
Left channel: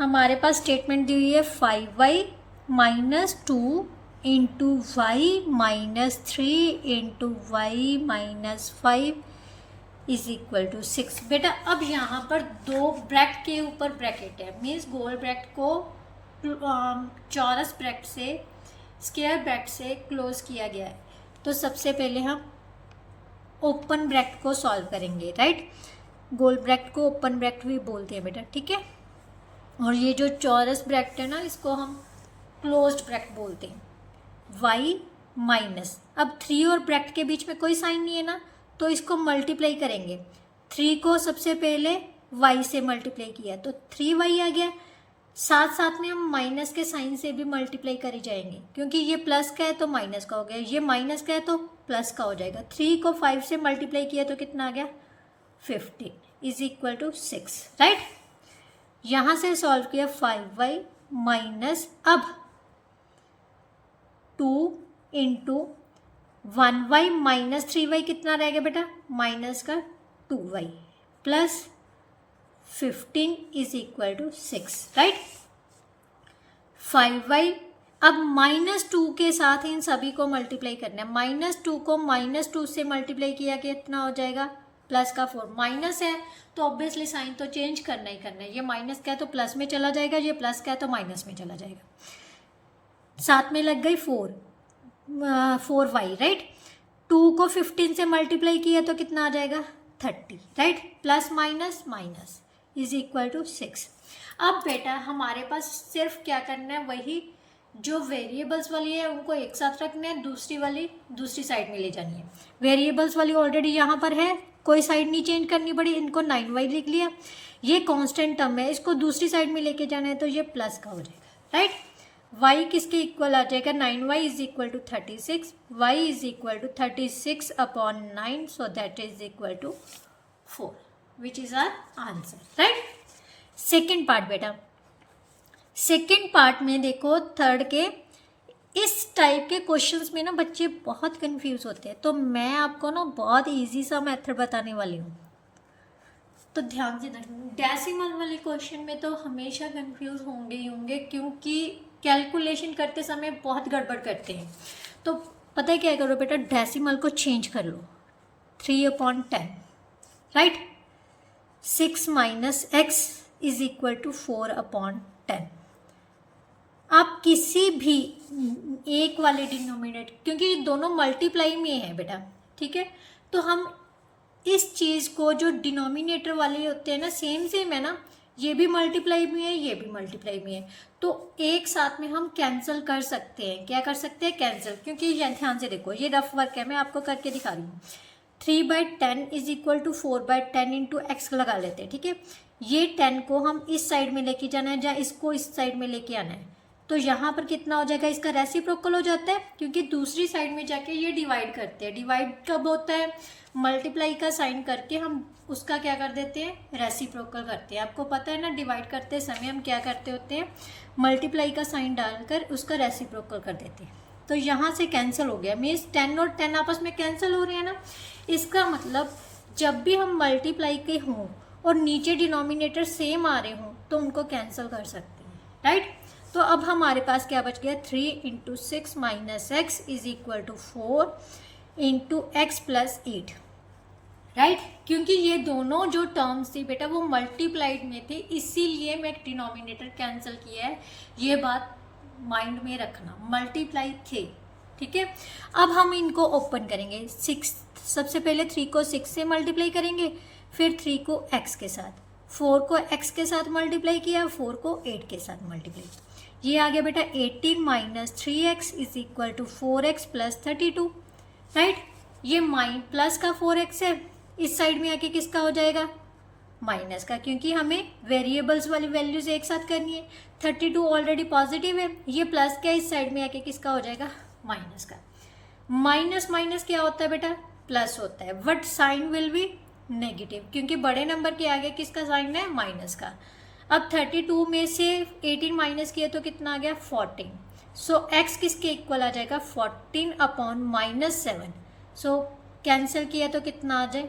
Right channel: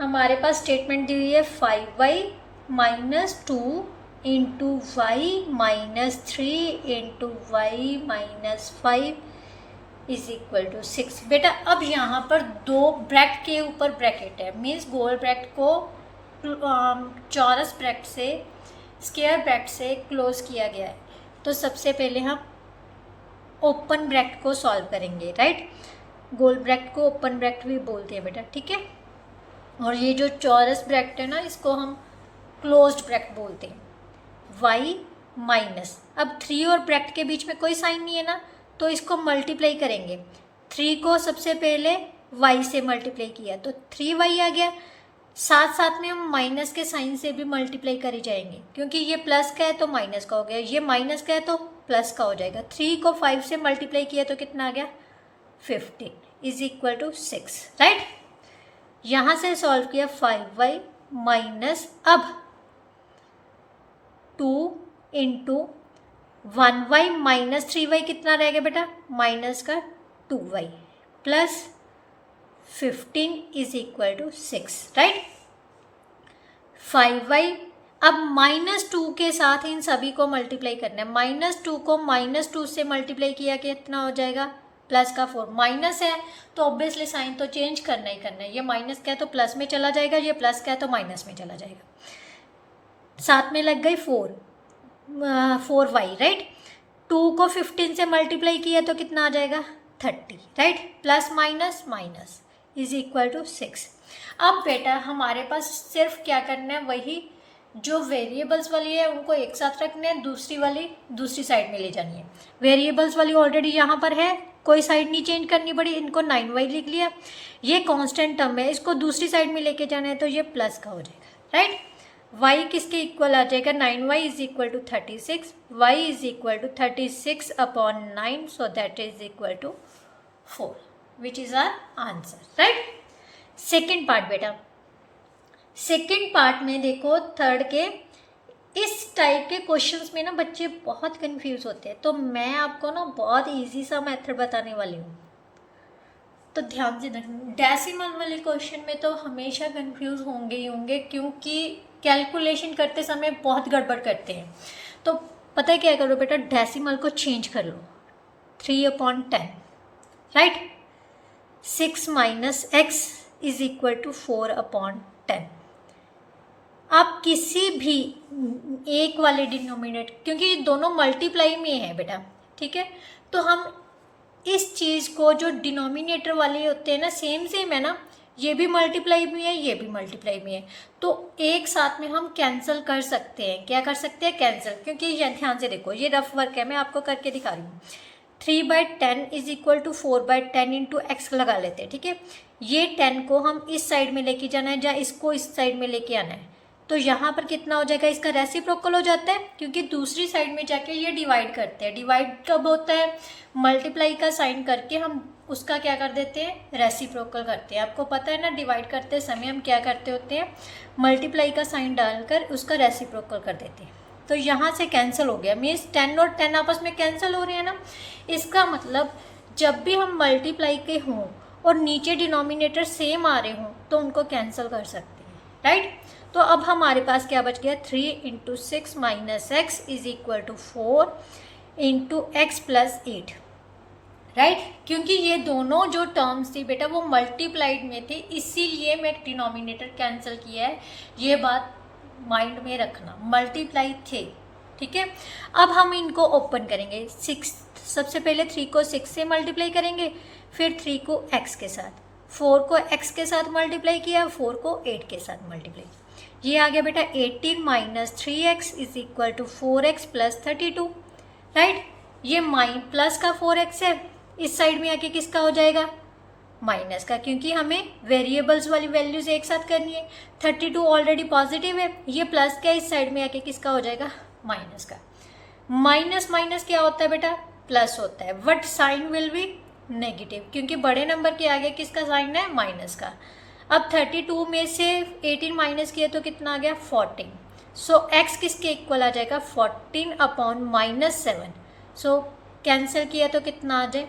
हमारे पास स्टेटमेंट दी हुई है 5y - 2 into y -3 into y -5 is equal to 6। बेटा अब यहाँ पर दो ब्रैकेट के ऊपर ब्रैकेट है, मीन्स गोल ब्रैकेट को चौरस ब्रैकेट से स्क्वायर ब्रैकेट से क्लोज किया गया है। तो सबसे पहले हम ओपन ब्रैकेट को सॉल्व करेंगे, राइट। गोल ब्रैकेट को ओपन ब्रैकेट भी बोलते हैं बेटा, ठीक है। और ये जो चौरस ब्रैकेट है ना, इसको हम क्लोज्ड ब्रैकेट बोलते हैं। y माइनस, अब 3 और ब्रैकेट के बीच में कोई साइन नहीं है ना, तो इसको मल्टीप्लाई करेंगे। 3 को सबसे पहले y से मल्टीप्लाई किया तो 3y आ गया। साथ साथ में हम माइनस के साइन से भी मल्टीप्लाई करी जाएंगे, क्योंकि ये प्लस का है तो माइनस का हो गया, ये माइनस का है तो प्लस का हो जाएगा। 3 को 5 से मल्टीप्लाई किया तो कितना आ गया, 15 इज इक्वल टू 6, राइट। यहाँ से सॉल्व किया 5y माइनस, अब 2 इंटू 1y माइनस 3y कितना रहेगा बेटा, माइनस का 2y प्लस 15 is equal to 6, right. 5y, अब -2 के साथ इन सभी को मल्टीप्लाई करना है। -2 को -2 से मल्टीप्लाई किया कितना हो जाएगा, प्लस का 4। माइनस है तो ऑब्वियसली साइन तो चेंज करना ही करना है। ये माइनस का है तो प्लस में चला जाएगा, ये प्लस का है तो माइनस में चला जाएगा। साथ में लग गई 4y, राइट। 2 को 15 से मल्टीप्लाई किया तो कितना आ जाएगा, 30, right. Plus minus minus is equal to 6। अब बेटा हमारे पास सिर्फ क्या करना है, वही जो वेरिएबल्स वाली है उनको एक साथ रखना है, दूसरी वाली दूसरी साइड में ले जानी है। वेरिएबल्स वाली ऑलरेडी यहाँ पर है, कोई साइड नहीं चेंज करनी पड़ी, इनको 9y लिख लिया। ये कांस्टेंट टर्म है, इसको दूसरी साइड में लेके जाना है तो ये प्लस का हो जाएगा, राइट। y किसके इक्वल आ जाएगा, 9y is equal to 36, y is equal to 36/9, so that is equal to 4, which is our answer, right. Second part बेटा, सेकेंड पार्ट में देखो थर्ड के इस टाइप के क्वेश्चंस में ना बच्चे बहुत कंफ्यूज होते हैं, तो मैं आपको ना बहुत इजी सा मेथड बताने वाली हूँ, तो ध्यान से देखना। डेसिमल वाले क्वेश्चन में तो हमेशा कंफ्यूज होंगे ही होंगे, क्योंकि कैलकुलेशन करते समय बहुत गड़बड़ करते हैं। तो पता है क्या करो बेटा, डेसिमल को चेंज कर लो, 3/10, right. 6 minus x is equal to 4/10। आप किसी भी एक वाले डिनोमिनेटर, क्योंकि ये दोनों मल्टीप्लाई में है बेटा, ठीक है, तो हम इस चीज़ को जो डिनोमिनेटर वाले होते हैं ना, सेम है ना, ये भी मल्टीप्लाई में है, ये भी मल्टीप्लाई में है, तो एक साथ में हम कैंसिल कर सकते हैं। क्या कर सकते हैं, कैंसिल, क्योंकि ये ध्यान से देखो, ये रफ वर्क है, मैं आपको करके दिखा रही हूँ। 3/10 is equal to 4/10 into x लगा लेते हैं, ठीक है। ये 10 को हम इस साइड में लेके जाना है, या इसको इस साइड में लेके आना है, तो यहाँ पर कितना हो जाएगा, इसका रेसिप्रोकल हो जाता है, क्योंकि दूसरी साइड में जाके ये डिवाइड करते हैं। डिवाइड कब होता है, मल्टीप्लाई का साइन करके हम उसका क्या कर देते हैं, रेसिप्रोकल करते हैं। आपको पता है ना, डिवाइड करते समय हम क्या करते होते हैं, मल्टीप्लाई का साइन डालकर उसका रेसिप्रोकल कर देते हैं। तो यहाँ से कैंसिल हो गया, मीन्स 10 और 10 आपस में कैंसिल हो रहे हैं ना। इसका मतलब जब भी हम मल्टीप्लाई के हों और नीचे डिनोमिनेटर सेम आ रहे हों तो उनको कैंसिल कर सकते हैं, राइट। तो अब हमारे पास क्या बच गया, 3 × 6 - x is equal to 4 × x + 8, right. क्योंकि ये दोनों जो टर्म्स थी बेटा वो मल्टीप्लाइड में थे, इसीलिए मैं डिनोमिनेटर कैंसिल किया है, ये बात माइंड में रखना, मल्टीप्लाई थे, ठीक है। अब हम इनको ओपन करेंगे, 6 सबसे पहले 3 को 6 से मल्टीप्लाई करेंगे, फिर 3 को x के साथ, 4 को x के साथ मल्टीप्लाई किया, 4 को 8 के साथ मल्टीप्लाई, ये आ गया बेटा 18 - 3x is equal to 4x + 32, right. ये प्लस का 4x है, इस साइड में आके किसका हो जाएगा, माइनस का, क्योंकि हमें वेरिएबल्स वाली वैल्यूज एक साथ करनी है। 32 ऑलरेडी पॉजिटिव है, ये प्लस का इस साइड में आके किसका हो जाएगा, माइनस का। माइनस माइनस क्या होता है बेटा, प्लस होता है, but sign will be negative, क्योंकि बड़े नंबर के आगे किसका साइन है, माइनस का। अब 32 में से 18 माइनस किया तो कितना आ गया, 14। सो x किसके इक्वल आ जाएगा, 14/- 7। सो कैंसिल किया तो कितना आ जाए,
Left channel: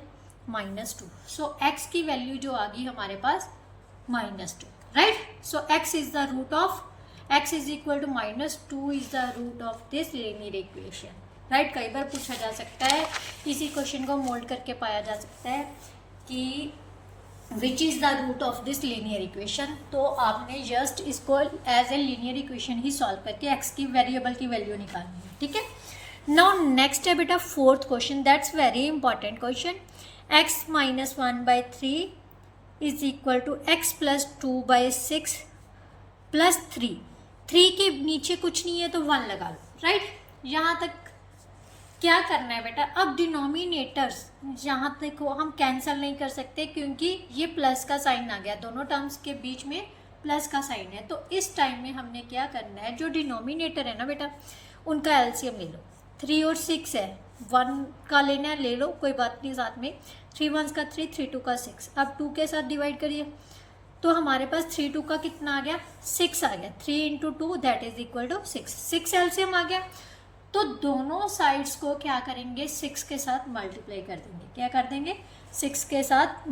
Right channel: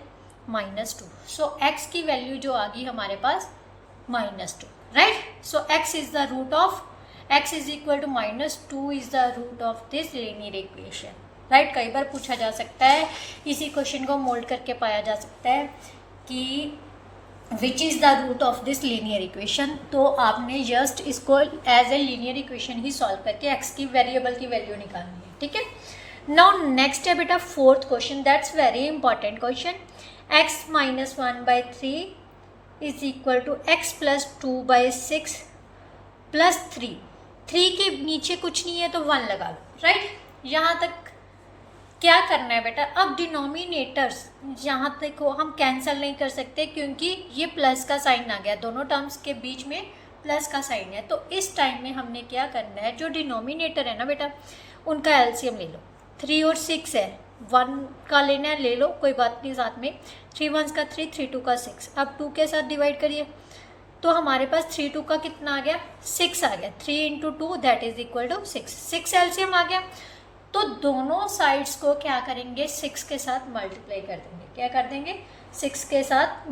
-2। सो x की वैल्यू जो आ गई हमारे पास -2, right. So x is the root of x is equal to -2 is the root of this linear equation, right. कई बार पूछा जा सकता है, इसी क्वेश्चन को मोल्ड करके पाया जा सकता है कि which is the root of this linear equation, तो आपने जस्ट इसको एज ए लीनियर इक्वेशन ही सॉल्व करके x की वेरिएबल की वैल्यू निकालनी है, ठीक है। नाउ नेक्स्ट है बेटा 4th question, that's very important question. x - 1/3 is equal to x + 2/6 + 3। 3 के नीचे कुछ नहीं है तो 1 लगा लो, राइट। यहाँ तक क्या करना है बेटा, अब डिनोमिनेटर्स यहाँ तक को हम कैंसिल नहीं कर सकते, क्योंकि ये प्लस का साइन आ गया, दोनों टर्म्स के बीच में प्लस का साइन है। तो इस टाइम में हमने क्या करना है, जो डिनोमिनेटर है ना बेटा उनका एलसीएम ले लो। 3 और 6 है, 1 का लेना है ले लो, कोई बात नहीं, साथ में 3 1 का 3, 3 2 का 6। अब 2 के साथ डिवाइड करिए तो हमारे पास 3 2 का कितना आ गया, 6 आ गया। 3 × 2 that is equal to 6, 6 LCM आ गया। तो दोनों साइड्स को क्या करेंगे, 6 के साथ मल्टीप्लाई कर देंगे। क्या कर देंगे, 6 के साथ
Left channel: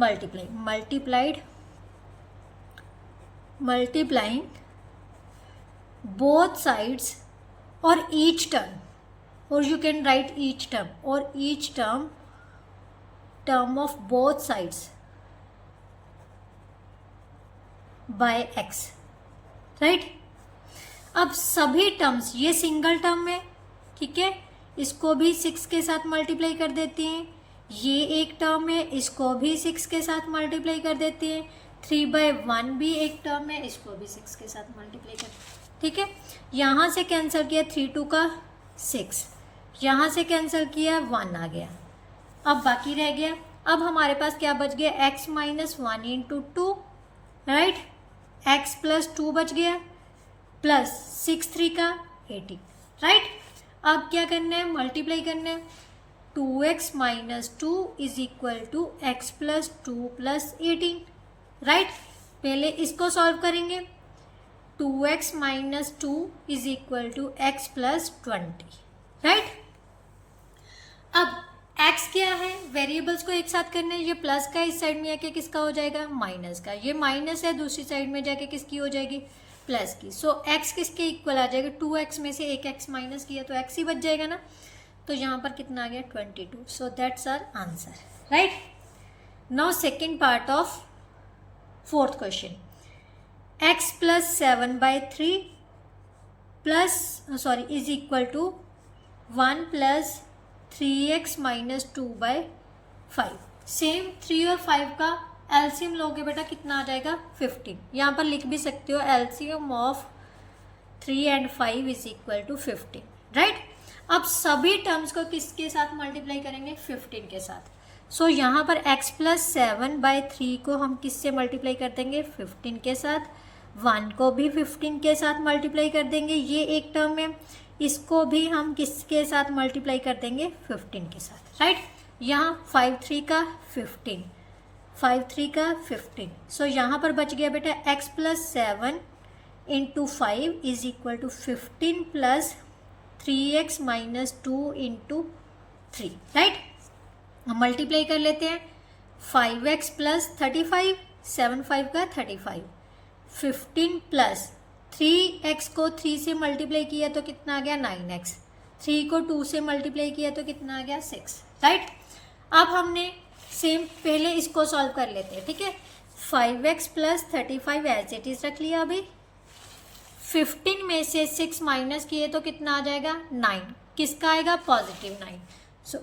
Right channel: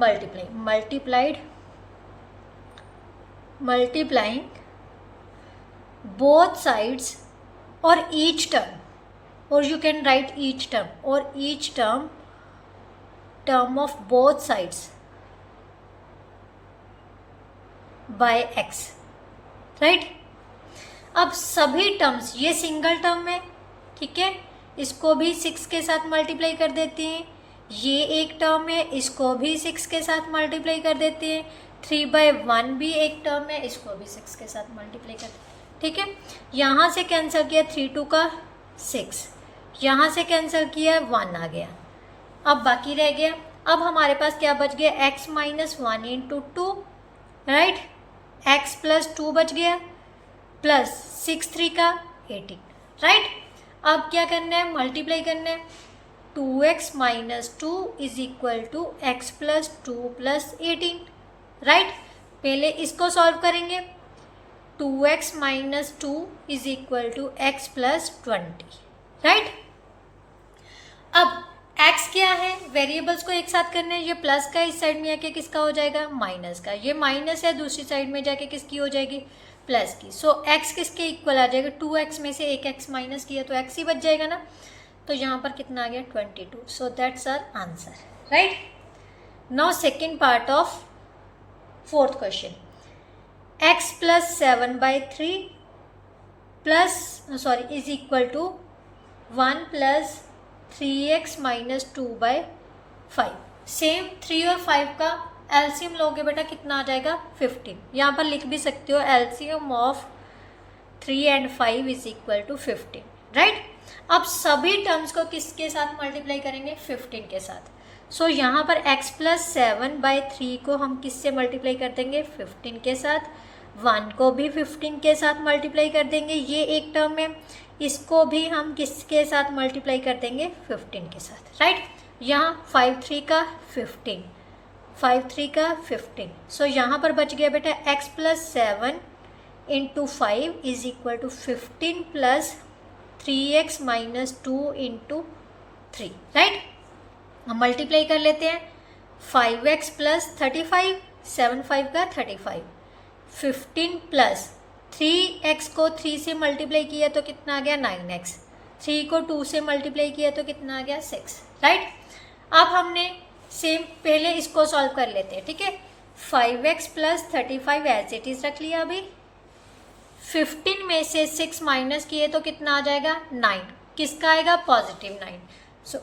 मल्टीप्लाइंग बोथ साइड्स और ईच टर्म, और you can write each term, और each term of both sides by x, right. अब सभी टर्म्स, ये सिंगल टर्म है, ठीक है, इसको भी 6 के साथ मल्टीप्लाई कर देते हैं। ये एक टर्म है, इसको भी 6 के साथ मल्टीप्लाई कर देते हैं। 3/1 भी एक टर्म है, इसको भी 6 के साथ मल्टीप्लाई कर, ठीक है। यहाँ से कैंसिल किया 3 2 का 6, यहाँ से कैंसिल किया 1 आ गया। अब बाकी रह गया, अब हमारे पास क्या बच गया, x - 1 × 2, राइट, x + 2 बच गया, प्लस 6 3 का 18, राइट। अब क्या करना है, मल्टीप्लाई करना है। 2x - 2 is equal to x + 2 + 18, right. पहले इसको सॉल्व करेंगे, 2x - 2 is equal to x + 20, right. अब x क्या है, वेरिएबल्स को एक साथ करना है, ये प्लस का इस साइड में आके किसका हो जाएगा, माइनस का। ये माइनस है, दूसरी साइड में जाके किसकी हो जाएगी, प्लस की। सो x किसके इक्वल आ जाएगा, 2x में से एक x माइनस किया तो x ही बच जाएगा ना। तो यहाँ पर कितना आ गया, 22। So that's our answer, right. Now second part of 4th question, x + 7/3 is equal to 1 + 3x - 2/5। Same 3 और 5 का एलसीएम लोगे बेटा कितना आ जाएगा, 15। यहाँ पर लिख भी सकते हो LCM of 3 and 5 is equal to 15, right. अब सभी टर्म्स को किसके साथ मल्टीप्लाई करेंगे, 15 के साथ। सो यहाँ पर x + 7/3 को हम किससे मल्टीप्लाई कर देंगे, 15 के साथ। 1 को भी 15 के साथ मल्टीप्लाई कर देंगे, ये एक टर्म है, इसको भी हम किसके साथ मल्टीप्लाई कर देंगे, 15 के साथ, राइट। यहाँ 5 3 का 15, 5 3 का 15। सो यहाँ पर बच गया बेटा x + 7 × 5 is equal to 15 + 3x minus 2 into 3, right. हम मल्टीप्लाई कर लेते हैं, 5x प्लस 35, 7 5 का 35, 15 प्लस 3x को 3 से मल्टीप्लाई किया तो कितना आ गया 9x, 3 को 2 से मल्टीप्लाई किया तो कितना आ गया 6, राइट। अब हमने सेम पहले इसको सॉल्व कर लेते हैं, ठीक है। 5x plus 35 as it is रख लिया अभी, 15 में से 6 माइनस किए तो कितना आ जाएगा 9, किसका आएगा पॉजिटिव 9, सो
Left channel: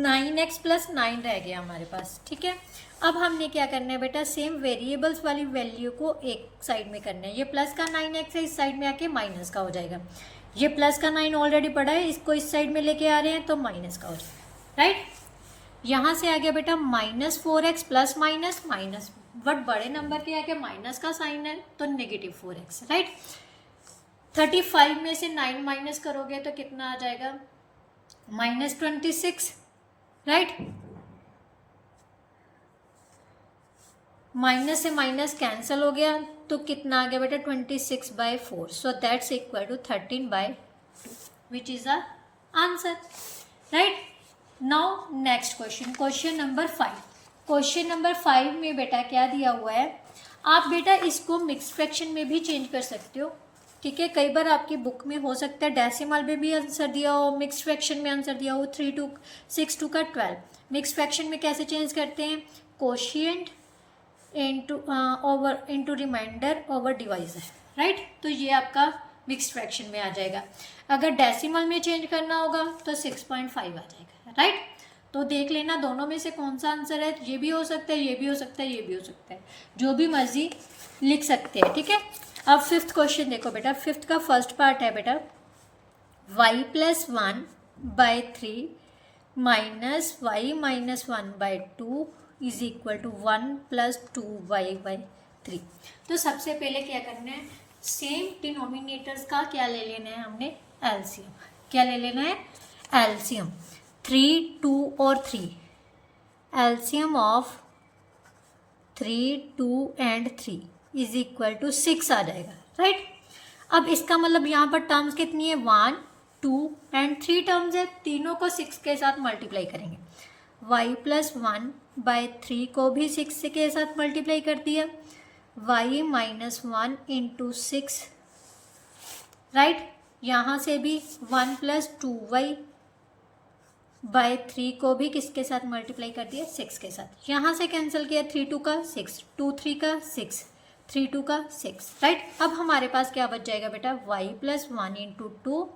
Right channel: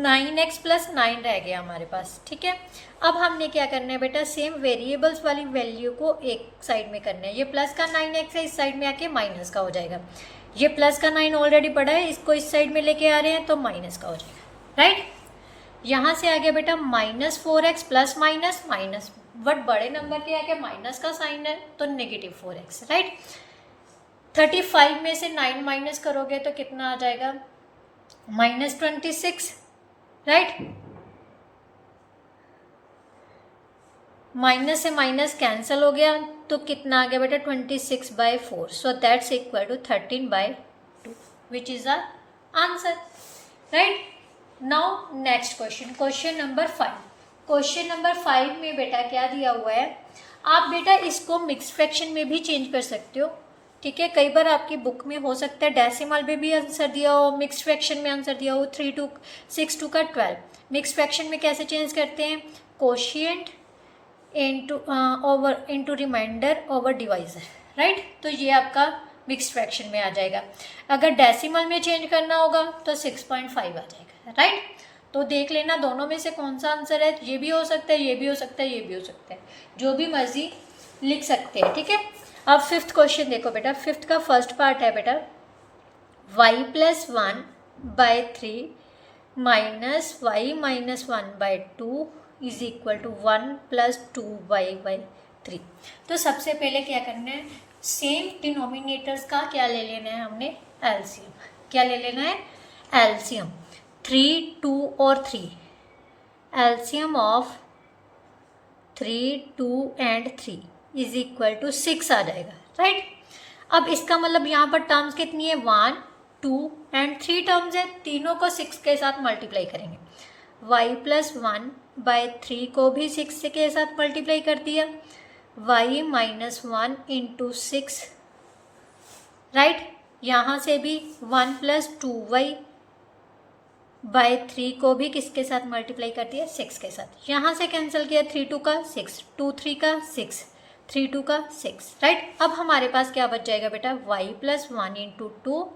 9x प्लस 9 रह गया हमारे पास, ठीक है। अब हमने क्या करना है बेटा, सेम वेरिएबल्स वाली वैल्यू को एक साइड में करना है, ये प्लस का 9x है, इस साइड में आके माइनस का हो जाएगा, ये प्लस का 9 ऑलरेडी पड़ा है, इसको इस साइड में लेके आ रहे हैं तो माइनस का हो जाएगा, राइट। यहाँ से आ गया बेटा -4x plus minus minus, but बड़े नंबर के आके माइनस का साइन है तो -4x, राइट। 35 में से 9 माइनस करोगे तो कितना आ जाएगा -26, राइट। माइनस से माइनस कैंसिल हो गया तो कितना आ गया बेटा 26/4, so that's equal to 13/2 which is our answer, right. Now next question, question number 5। Question number 5 में बेटा क्या दिया हुआ है, आप बेटा इसको मिक्स फ्रैक्शन में भी चेंज कर सकते हो, ठीक है। कई बार आपकी बुक में हो सकता है डेसिमल में भी आंसर दिया हो, मिक्स फ्रैक्शन में आंसर दिया हो 3 2 6 2 का 12। मिक्स फ्रैक्शन में कैसे चेंज करते हैं, quotient into remainder over divisor, right. तो ये आपका मिक्स फ्रैक्शन में आ जाएगा। अगर डेसिमल में चेंज करना होगा तो 6.5 आ जाएगा, राइट। तो देख लेना दोनों में से कौन सा आंसर है, ये भी हो सकता है, ये भी हो सकता है, ये भी हो सकता है, जो भी मर्जी लिख सकते हैं, ठीक है। अब 5th क्वेश्चन देखो बेटा, 5th का फर्स्ट पार्ट है बेटा y plus 1/3 minus y minus 1/2 is equal to 1 plus 2y/3। तो सबसे पहले क्या करना है, सेम डिनोमिनेटर्स का क्या ले लेना है हमने, एलसीएम। क्या ले लेना है, एलसीएम। 3 2 और 3, LCM of 3 2 and 3 is equal to 6 आ जाएगा, राइट। अब इसका मतलब यहाँ पर टर्म्स कितनी है, 1 2 एंड 3 टर्म्स है, तीनों को 6 के साथ मल्टीप्लाई करेंगे। y प्लस 1/3 को भी 6 के साथ मल्टीप्लाई कर दिया, y माइनस 1 इंटू 6, राइट। यहाँ से भी 1 प्लस 2y/3 को भी किसके साथ मल्टीप्लाई कर दिया, 6 के साथ। यहाँ से कैंसिल किया, 3 2 का 6, 2 3 का 6, 3 2 का 6, राइट। अब हमारे पास क्या बच जाएगा बेटा, y plus 1 into 2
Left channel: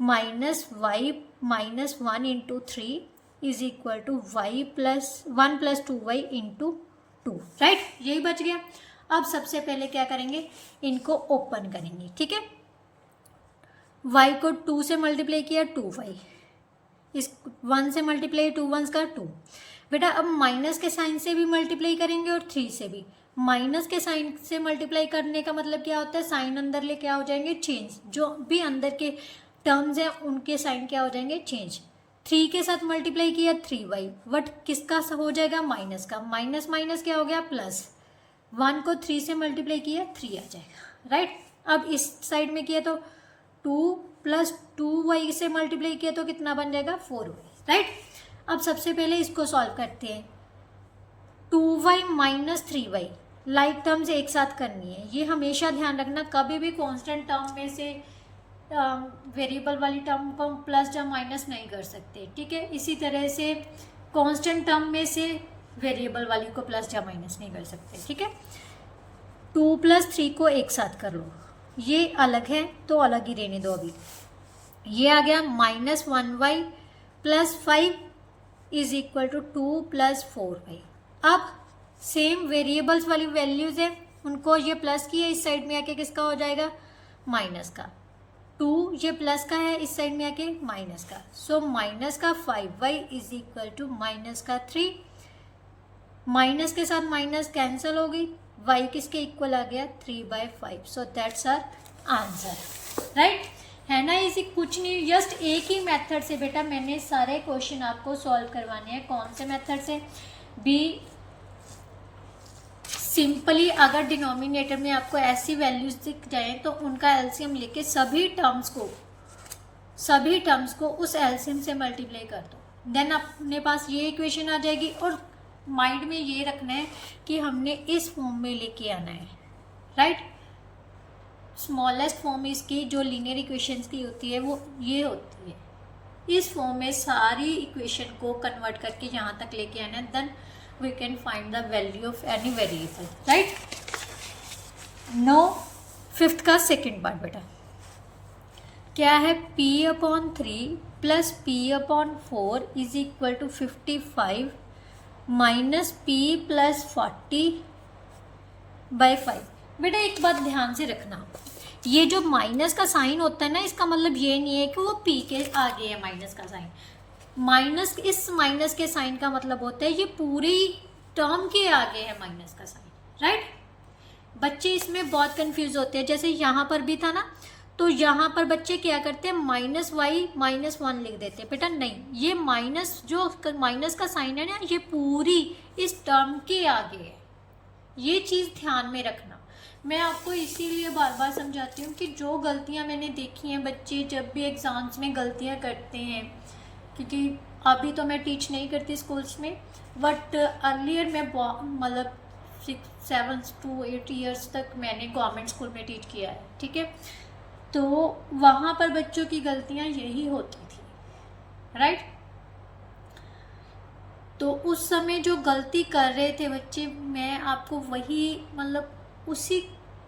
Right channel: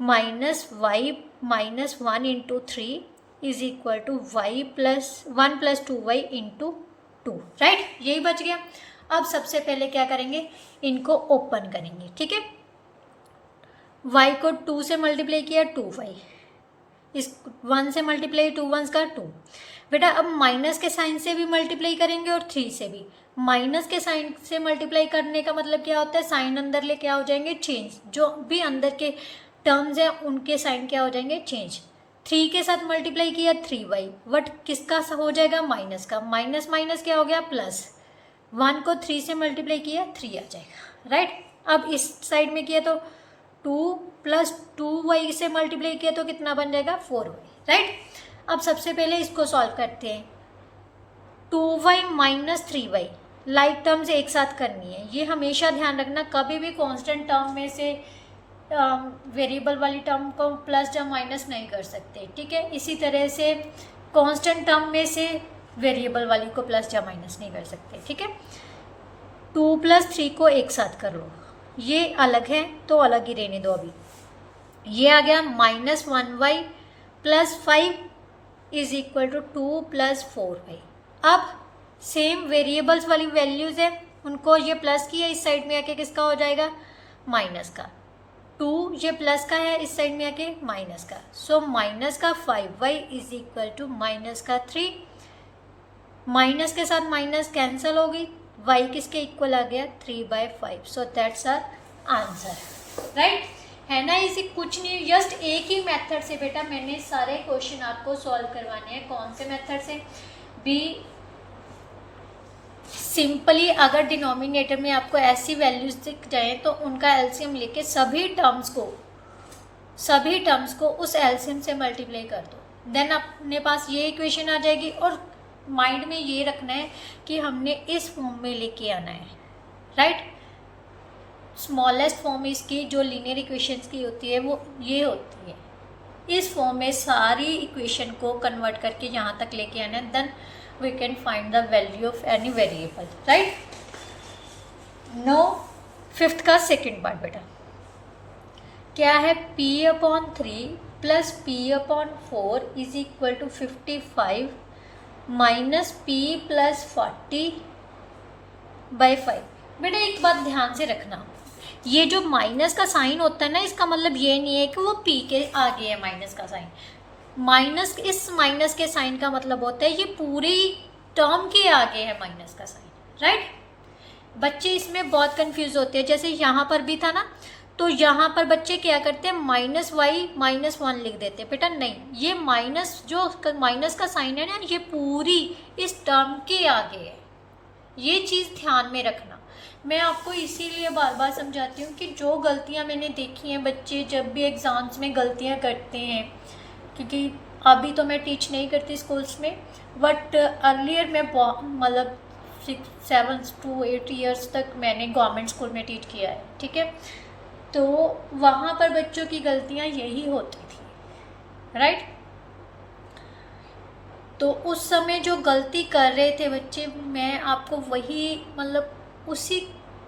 minus y minus 1 into 3 is equal to y plus 1 plus 2y into 2, right. यही बच गया। अब सबसे पहले क्या करेंगे, इनको ओपन करेंगे, ठीक है। y को 2 से मल्टीप्लाई किया 2y, इस 1 से मल्टीप्लाई 2 1 का 2 बेटा। अब माइनस के साइन से भी मल्टीप्लाई करेंगे और 3 से भी। माइनस के साइन से मल्टीप्लाई करने का मतलब क्या होता है, साइन अंदर ले क्या हो जाएंगे, चेंज। जो भी अंदर के टर्म्स हैं उनके साइन क्या हो जाएंगे, चेंज। 3 के साथ मल्टीप्लाई किया 3y, बट किसका हो जाएगा, माइनस का। माइनस माइनस क्या हो गया, प्लस। 1 को 3 से मल्टीप्लाई किया 3 आ जाएगा, राइट। अब इस साइड में किया तो 2 प्लस 2y से मल्टीप्लाई किया तो कितना बन जाएगा, 4y, राइट। अब सबसे पहले इसको सॉल्व करते हैं। 2y minus 3y like terms एक साथ करनी है, ये हमेशा ध्यान रखना। कभी भी कांस्टेंट टर्म में से वेरिएबल वाली टर्म को प्लस या माइनस नहीं कर सकते, ठीक है। इसी तरह से कांस्टेंट टर्म में से वेरिएबल वाली को प्लस या माइनस नहीं कर सकते, ठीक है। 2 प्लस 3 को एक साथ कर लो, ये अलग है तो अलग ही रहने दो अभी। ये आ गया -1y plus 5 is equal to 2 plus 4y। अब सेम वेरिएबल्स वाली वैल्यूज़ है, उनको ये प्लस की है, इस साइड में आके किसका हो जाएगा, माइनस का। 2 ये प्लस का है, इस साइड में आके माइनस का। सो माइनस का 5y is equal to minus का 3। माइनस के साथ माइनस कैंसिल हो गई, y किसके इक्वल आ गया, 3/5। So that's our answer, right. है ना इसी, कुछ नहीं, जस्ट एक ही मेथड से बेटा मैंने सारे क्वेश्चन आपको सॉल्व करवाने हैं। कौन से मेथड से भी, सिंपली अगर डिनोमिनेटर में आपको ऐसी वैल्यूज दिख जाए तो उनका एलसीएम लेके सभी टर्म्स को सभी टर्म्स को उस एलसीएम से मल्टीप्लाई कर दो, देन अपने पास ये इक्वेशन आ जाएगी। और माइंड में ये रखना है कि हमने इस फॉर्म में लेके आना है, राइट। स्मॉलेस्ट फॉर्म इसकी जो लीनियर इक्वेशंस की होती है वो ये होती है। इस फॉर्म में सारी इक्वेशन को कन्वर्ट करके यहाँ तक लेके आना है, then we can find the value of any variable, right. Now fifth का सेकेंड पार्ट बेटा क्या है, p/3 plus p/4 is equal to 55 minus p plus 40/5। बेटा एक बात ध्यान से रखना, ये जो माइनस का साइन होता है ना, इसका मतलब ये नहीं है कि वो p के आगे है माइनस का साइन। माइनस, इस माइनस के साइन का मतलब होता है ये पूरी टर्म के आगे है माइनस का साइन, राइट। बच्चे इसमें बहुत कंफ्यूज होते हैं, जैसे यहाँ पर भी था ना, तो यहाँ पर बच्चे क्या करते हैं -y-1 लिख देते हैं। बेटा नहीं, ये माइनस, जो माइनस का साइन है ना, ये पूरी इस टर्म के आगे है। ये चीज़ ध्यान में रखना। मैं आपको इसीलिए बार बार समझाती हूँ कि जो गलतियाँ मैंने देखी हैं, बच्चे जब भी एग्ज़ाम्स में गलतियाँ करते हैं, क्योंकि अभी तो मैं टीच नहीं करती स्कूल्स में, बट अर्लियर मैं मतलब 7 to 8 ईयर्स तक मैंने गवर्नमेंट स्कूल में टीच किया है, ठीक है। तो वहाँ पर बच्चों की गलतियाँ यही होती थी, राइट। तो उस समय जो गलती कर रहे थे बच्चे, मैं आपको वही उसी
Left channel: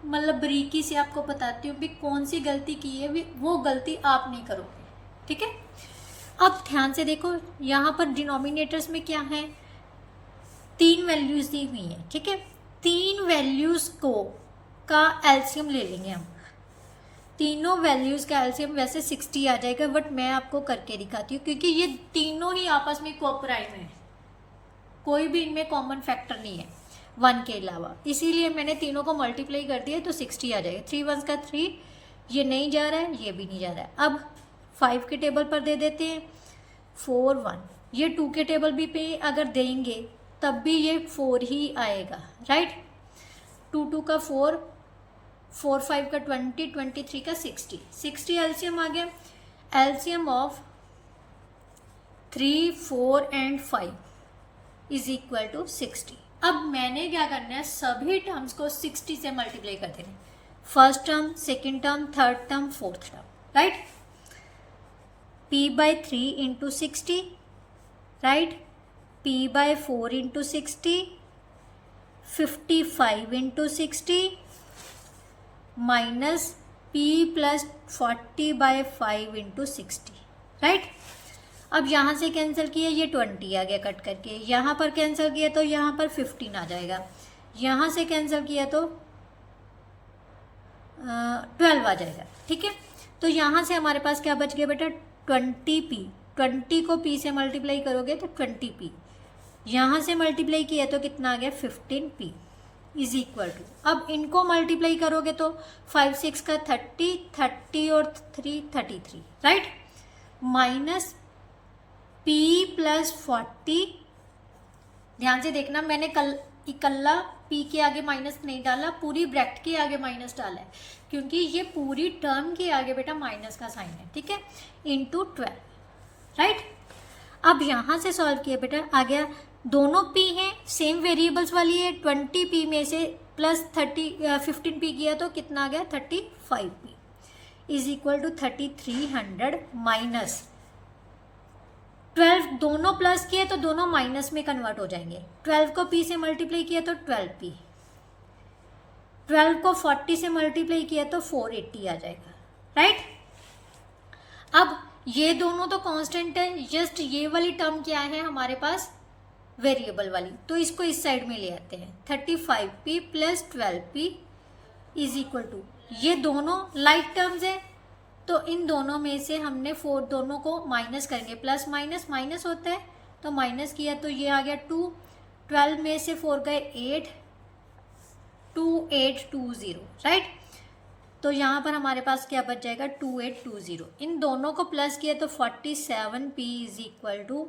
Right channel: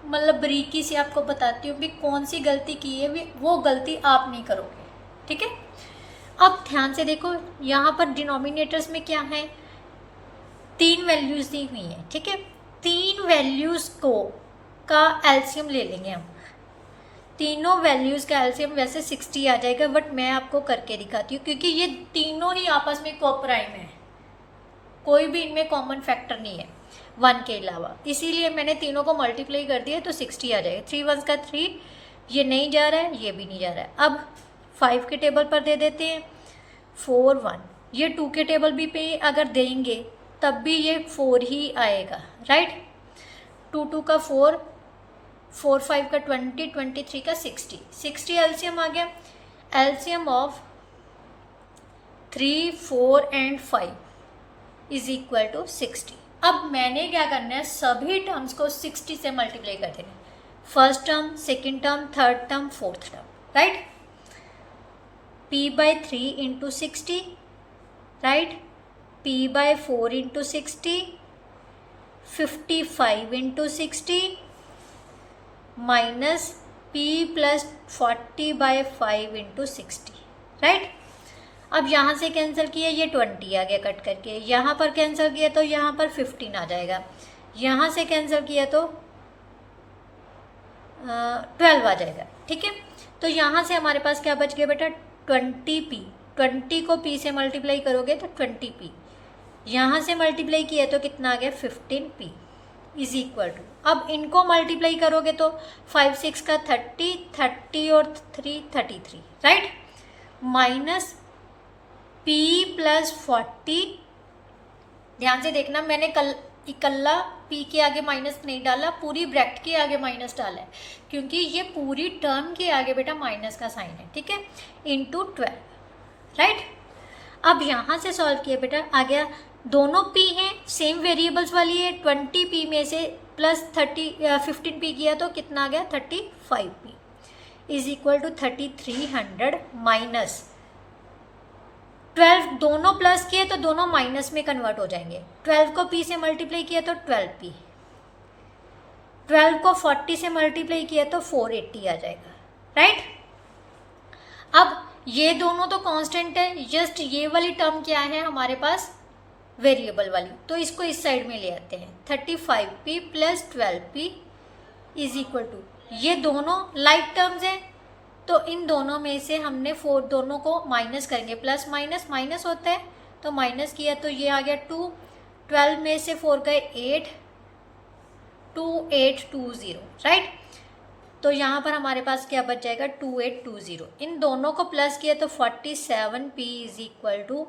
बारीकी से आपको बताती हूँ कि कौन सी गलती की है, वो गलती आप नहीं करोगे, ठीक है। अब ध्यान से देखो, यहाँ पर डिनोमिनेटर्स में क्या है, 3 वैल्यूज़ दी हुई हैं, ठीक है। 3 वैल्यूज़ का एलसीएम ले लेंगे हम। तीनों वैल्यूज़ का एलसीएम वैसे 60 आ जाएगा, बट मैं आपको करके दिखाती हूँ, क्योंकि ये तीनों ही आपस में कोप्राइम है, कोई भी इनमें कॉमन फैक्टर नहीं है 1 के अलावा, इसीलिए मैंने तीनों को मल्टीप्लाई कर दिया तो 60 आ जाएगा। 3 1 का 3, ये नहीं जा रहा है, ये भी नहीं जा रहा है। अब 5 के टेबल पर दे देते हैं 4 1, ये 2 के टेबल भी पे अगर देंगे तब भी ये 4 ही आएगा, राइट। 2 2 का 4, 4 5 का 20, 23 का 60 एलसीएम आ गया। LCM of 3 4 and 5 is equal to 60। अब मैंने क्या करना है, सभी टर्म्स को 60 से मल्टीप्लाई कर देना है। First term, second term, third term, fourth term, right. p/3 into 60, right. p/4 into 60, 55 into 60 minus p plus 40/5 into 60, right. अब यहाँ से कैंसिल किया, ये 20 आ गया कट करके, यहाँ पर कैंसिल किया तो यहाँ पर 15 आ जाएगा, यहाँ से कैंसिल किया तो 12 आ जाएगा, ठीक है। तो यहाँ से हमारे पास क्या बच गया बेटा, 20p। 20 को p से मल्टीप्लाई करोगे तो 20p, यहाँ से मल्टीप्लाई किया तो कितना आ गया, 15p इज इक्वल टू, अब इनको मल्टीप्लाई करोगे तो 5 6 का 30 और 3 33, राइट। माइनस p प्लस 40, ध्यान से देखना, मैंने इकल्ला p के आगे माइनस नहीं डाला, पूरी ब्रैकेट के आगे माइनस डाला है, क्योंकि ये पूरी टर्म के आगे बेटा माइनस का साइन है, ठीक है। Into 12, right. अब यहाँ से सॉल्व किया बेटा, आ गया, दोनों p हैं, सेम वेरिएबल्स वाली है, 20p में से प्लस 15p किया तो कितना आ गया, 35p is equal to 3300 minus 12, दोनों प्लस किए तो दोनों माइनस में कन्वर्ट हो जाएंगे। 12 को p से मल्टीप्लाई किया तो 12p, 12 को 40 से मल्टीप्लाई किया तो 480 आ जाएगा, राइट। अब ये दोनों तो कांस्टेंट है, जस्ट ये वाली टर्म क्या है हमारे पास, वेरिएबल वाली, तो इसको इस साइड में ले आते हैं। 35p plus 12p is equal to, ये दोनों लाइक टर्म्स हैं, तो इन दोनों में से हमने 4 दोनों को माइनस करेंगे, प्लस माइनस माइनस होता है तो माइनस किया तो ये आ गया 2, 12 में से 4 गए 8, 2820, राइट। तो यहाँ पर हमारे पास क्या बच जाएगा, 2820। इन दोनों को प्लस किया तो 47p is equal to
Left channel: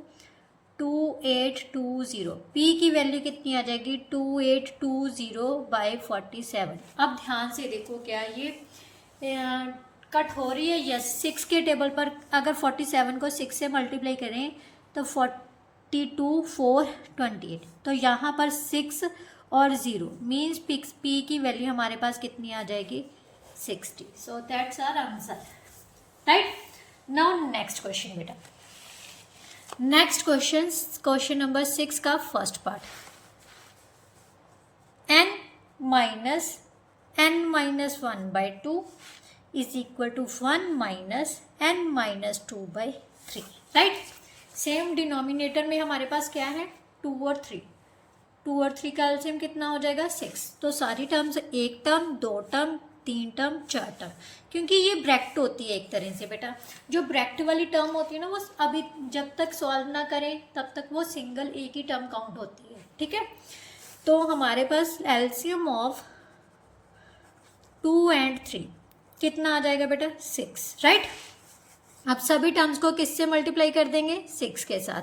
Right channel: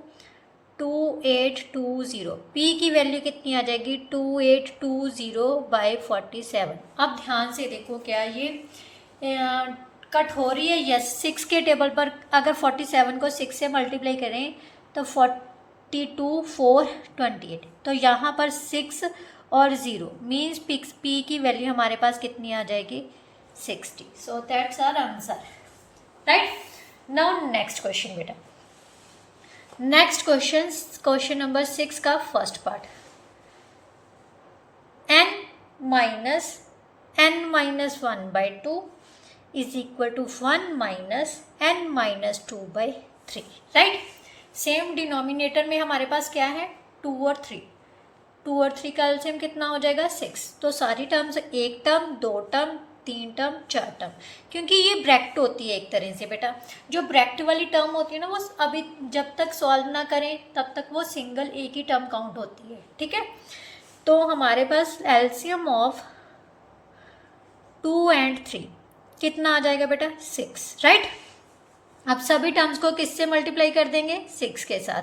2820। p की वैल्यू कितनी आ जाएगी, 2820/47। अब ध्यान से देखो, क्या ये कट हो रही है, यस। 6 के टेबल पर अगर 47 को 6 से मल्टीप्लाई करें तो 42 4 28, तो यहाँ पर 6 और 0 मीन्स पी की वैल्यू हमारे पास कितनी आ जाएगी 60। So that's our answer, right. Now next question बेटा, नेक्स्ट क्वेश्चन नंबर 6 का first part, n-1/2 is equal to 1 - n-2/3, right. Same denominator में हमारे पास क्या है 2 और 3, 2 और 3 का एलसीएम कितना हो जाएगा 6। तो सारी टर्म्स, एक टर्म, दो टर्म, 3 टर्म, 4 टर्म, क्योंकि ये ब्रैकेट होती है एक तरह से बेटा। जो ब्रैकेट वाली टर्म होती है ना, वो अभी जब तक सॉल्व ना करें तब तक वो सिंगल एक ही टर्म काउंट होती है, ठीक है। तो हमारे पास एलसीएम ऑफ 2 और 3 कितना आ जाएगा बेटा 6, राइट। अब सभी टर्म्स को किससे मल्टीप्लाई कर देंगे 6 के साथ,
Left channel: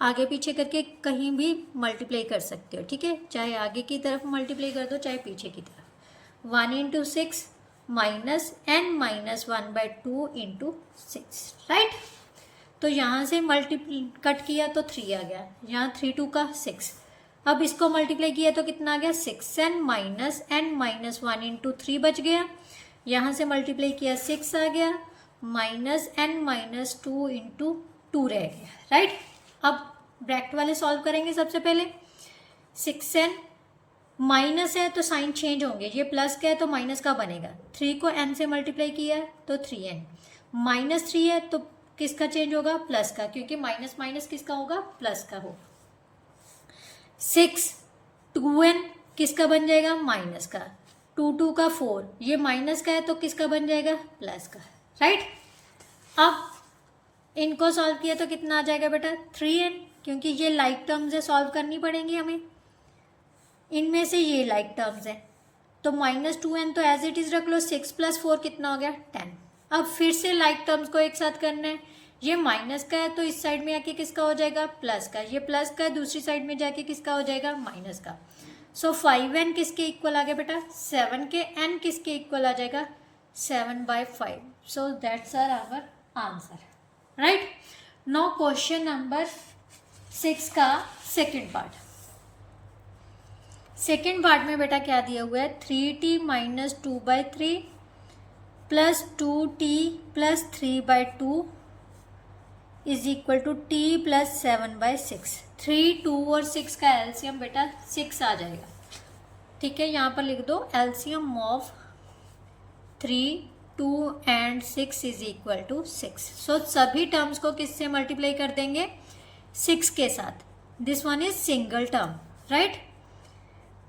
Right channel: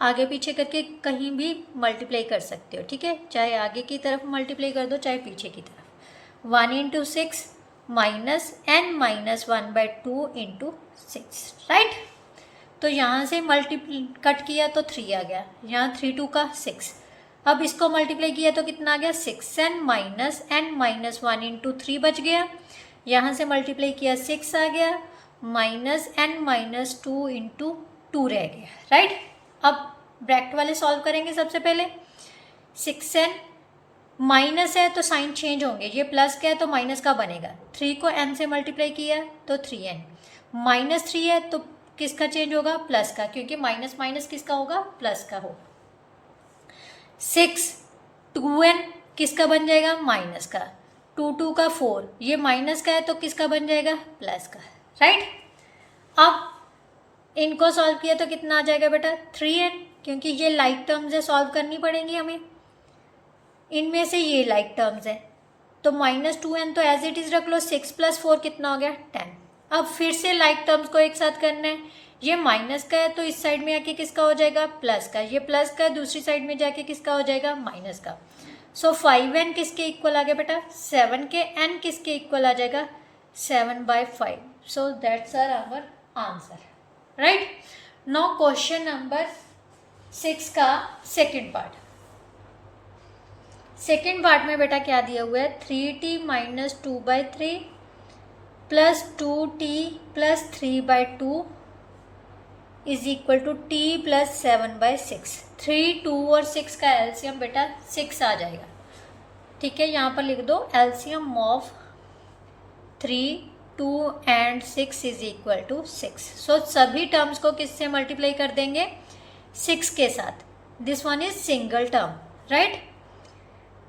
आगे पीछे करके कहीं भी मल्टीप्लाई कर सकते हो, ठीक है। चाहे आगे की तरफ मल्टीप्लाई कर दो चाहे पीछे की तरफ। 1 × 6 -n-1/2 × 6, राइट। तो यहाँ से मल्टीप्लाई कट किया तो 3 आ गया, यहाँ 3 2 का 6। अब इसको मल्टीप्लाई किया तो कितना आ गया 6n - n-1 × 3 बच गया। यहाँ से मल्टीप्लाई किया 6 आ गया, -n-2 × 2 रह गया, राइट। अब ब्रैकेट वाले सॉल्व करेंगे सबसे पहले। 6n माइनस है तो साइन चेंज होंगे, ये प्लस का है तो माइनस का बनेगा। 3 को n से मल्टीप्लाई किया तो 3n, -3 है तो किसका चेंज होगा प्लस का, क्योंकि माइनस माइनस किसका होगा प्लस का होगा। 6 2n किसका बन जाएगा माइनस का, 2 2 का 4, ये माइनस का है तो किसका बन जाएगा प्लस का, राइट। अब इनको सॉल्व किया तो कितना आ जाएगा बेटा 3n, क्योंकि ये लाइक टर्म्स है, सॉल्व करनी पड़ेंगी हमें। इनमें से ये लाइक टर्म्स है तो -2n तो एज इट इज़ रख लो। 6 + 4 कितना हो गया 10। अब फिर से लाइक टर्म्स को एक साथ करना है। ये माइनस का है तो इस साइड में आके किसका हो जाएगा प्लस का, ये प्लस का है दूसरी साइड में जाके किसका हो जाएगा माइनस का। सो 5n किसके इक्वल आ गया बेटा 7 के, n किसके इक्वल आ जाएगा 7/5। So that's our answer, right. Now question number 6 का सेकंड पार्ट। सेकंड पार्ट में बेटा क्या दिया हुआ है 3t - 2/3 + 2t + 3/2 is equal to t + 7/6। 3, 2 और 6 का एलसीएम बेटा 6 आ जाएगा, ठीक है। यहाँ पर लिख दो एलसीएम ऑफ 3, 2 और 6 इज इक्वल टू 6। सो सभी टर्म्स को किससे मल्टीप्लाई कर देंगे 6 के साथ। This one is single term, right.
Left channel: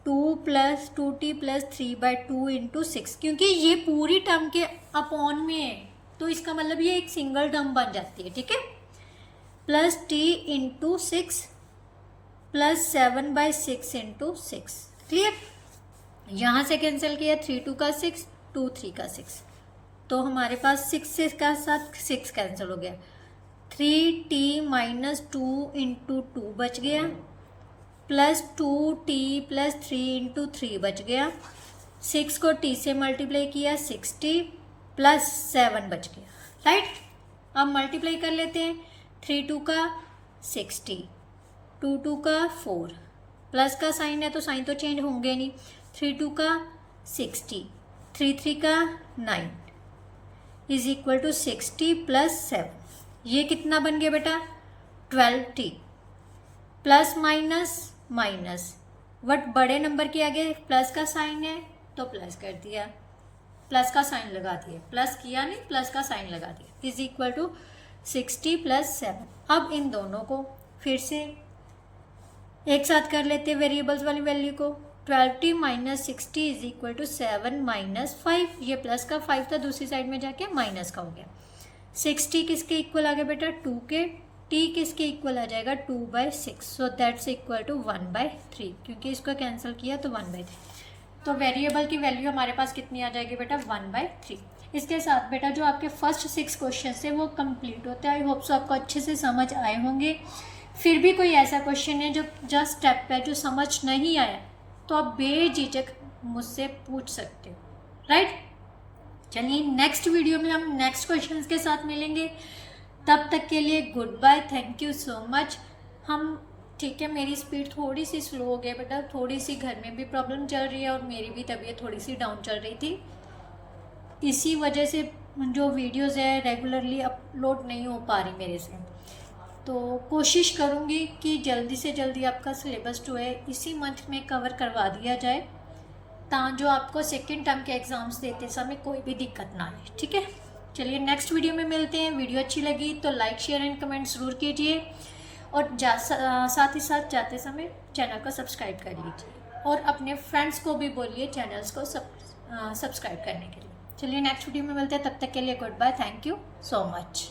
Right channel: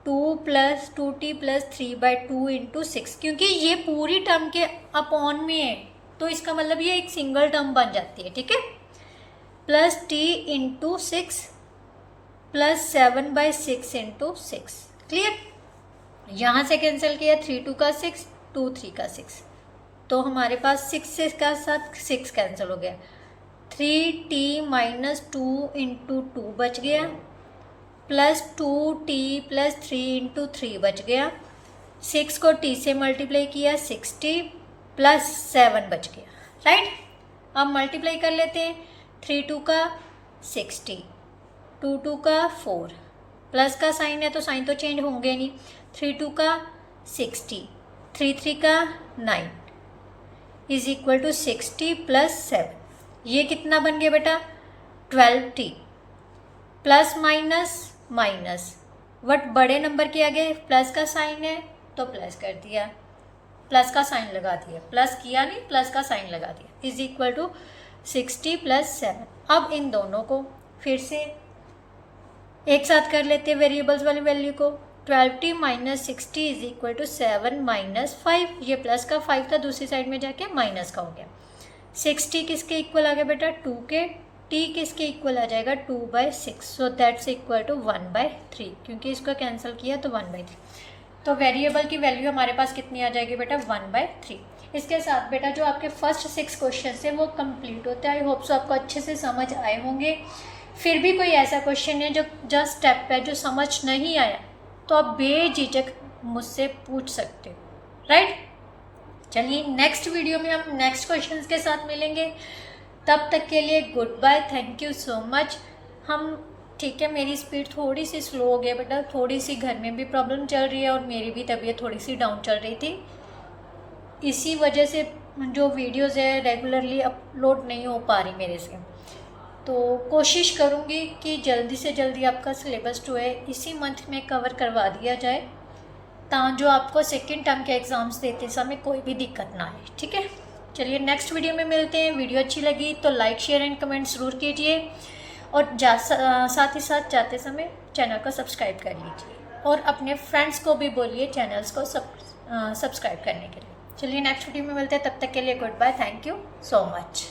2 + 2t + 3/2 × 6, क्योंकि ये पूरी टर्म के अपॉन में है तो इसका मतलब ये एक सिंगल टर्म बन जाती है, ठीक है। + t × 6 + 7/6 × 6, क्लियर। यहाँ से कैंसिल किया 3 2 का 6, 2 3 का 6, तो हमारे पास 6 का साथ 6 कैंसिल हो गया। 3t - 2 × 2 बच गया, + 2t + 3 × 3 बच गया। 6 को t से मल्टीप्लाई किया 6t + 7 बच गया, राइट। अब मल्टीप्लाई कर लेते हैं। 3 2 का 6t, 2 2 का 4, प्लस का साइन है तो साइन तो चेंज होंगे नहीं। 3 2 का 6t, 3 3 का 9 इज इक्वल टू 6t + 7। ये कितना बन गया बेटा 12t, plus minus minus, but बड़े नंबर के आगे प्लस का साइन है तो प्लस कर दिया, प्लस का साइन लगा दिया, प्लस किया नहीं प्लस का साइन लगा दिया, इज इक्वल टू 60 + 7। अब इन दोनों को फिर से एक साथ कर लेते हैं वेरिएबल्स वाली वैल्यू को। 12t - 60 इज इक्वल टू 7 - 5, ये प्लस का 5 था दूसरी साइड में जाके माइनस का हो गया। 60 किसके इक्वल आ गया बेटा 2 के, t किसके इक्वल आ जाएगा 2/6। सो दैट्स इक्वल टू 1/3, क्योंकि इसको कैंसिल किया तो 1/3, तो वेरिएबल की वैल्यू हमारे पास कितनी आ जाएगी बेटा 1/3। इसके साथ बेटा जो आपके फर्स्ट 6 क्वेश्चन है वो कंप्लीट होते हैं। आई होप सो आपको अच्छे से समझ आए होंगे। फिर भी कोई ऐसा क्वेश्चन है जो जस्ट स्टेप है जो समझ नहीं आया तो आप बेझिझक मुझसे पूछ सकते हो, राइट। चलिए नेक्स्ट वीडियो में हम नेक्स्ट क्वेश्चंस के साथ मिलेंगे। तब तक के लिए good bye, thank you so much. हम ठीक है, मेरी स्पीड थोड़ी सी स्लो हो गई बेटा, थोड़ी सी घर में भी प्रॉब्लम चल रही है और मेरी भी तबीयत थोड़ी सी डाउन चल रही थी, इसी वजह से जो वीडियोज़ है रेगुलरली अपलोड नहीं हो पा रही मेरे से। तो कोशिश करूँगी कि जल्दी से जल्दी आपका सिलेबस जो है इसी मंथ में कवर करवा दिया जाए, ताकि जो आपको सेकेंड टर्म के एग्ज़ाम्स देते समय कोई भी दिक्कत ना आए। ठीक है, चलिए नेक्स्ट वीडियो में मिलते हैं। वीडियो अच्छी लगी तो लाइक शेयर एंड कमेंट ज़रूर कीजिए, और साथ ही साथ जाते समय चैनल को सब्सक्राइब कर लीजिए, और अपने फ्रेंड्स को भी बोलिए चैनल्स को सब्सक्राइब करने के लिए। चलिए नेक्स्ट वीडियो में मिलते हैं, तब तक के लिए good bye, thank you so much.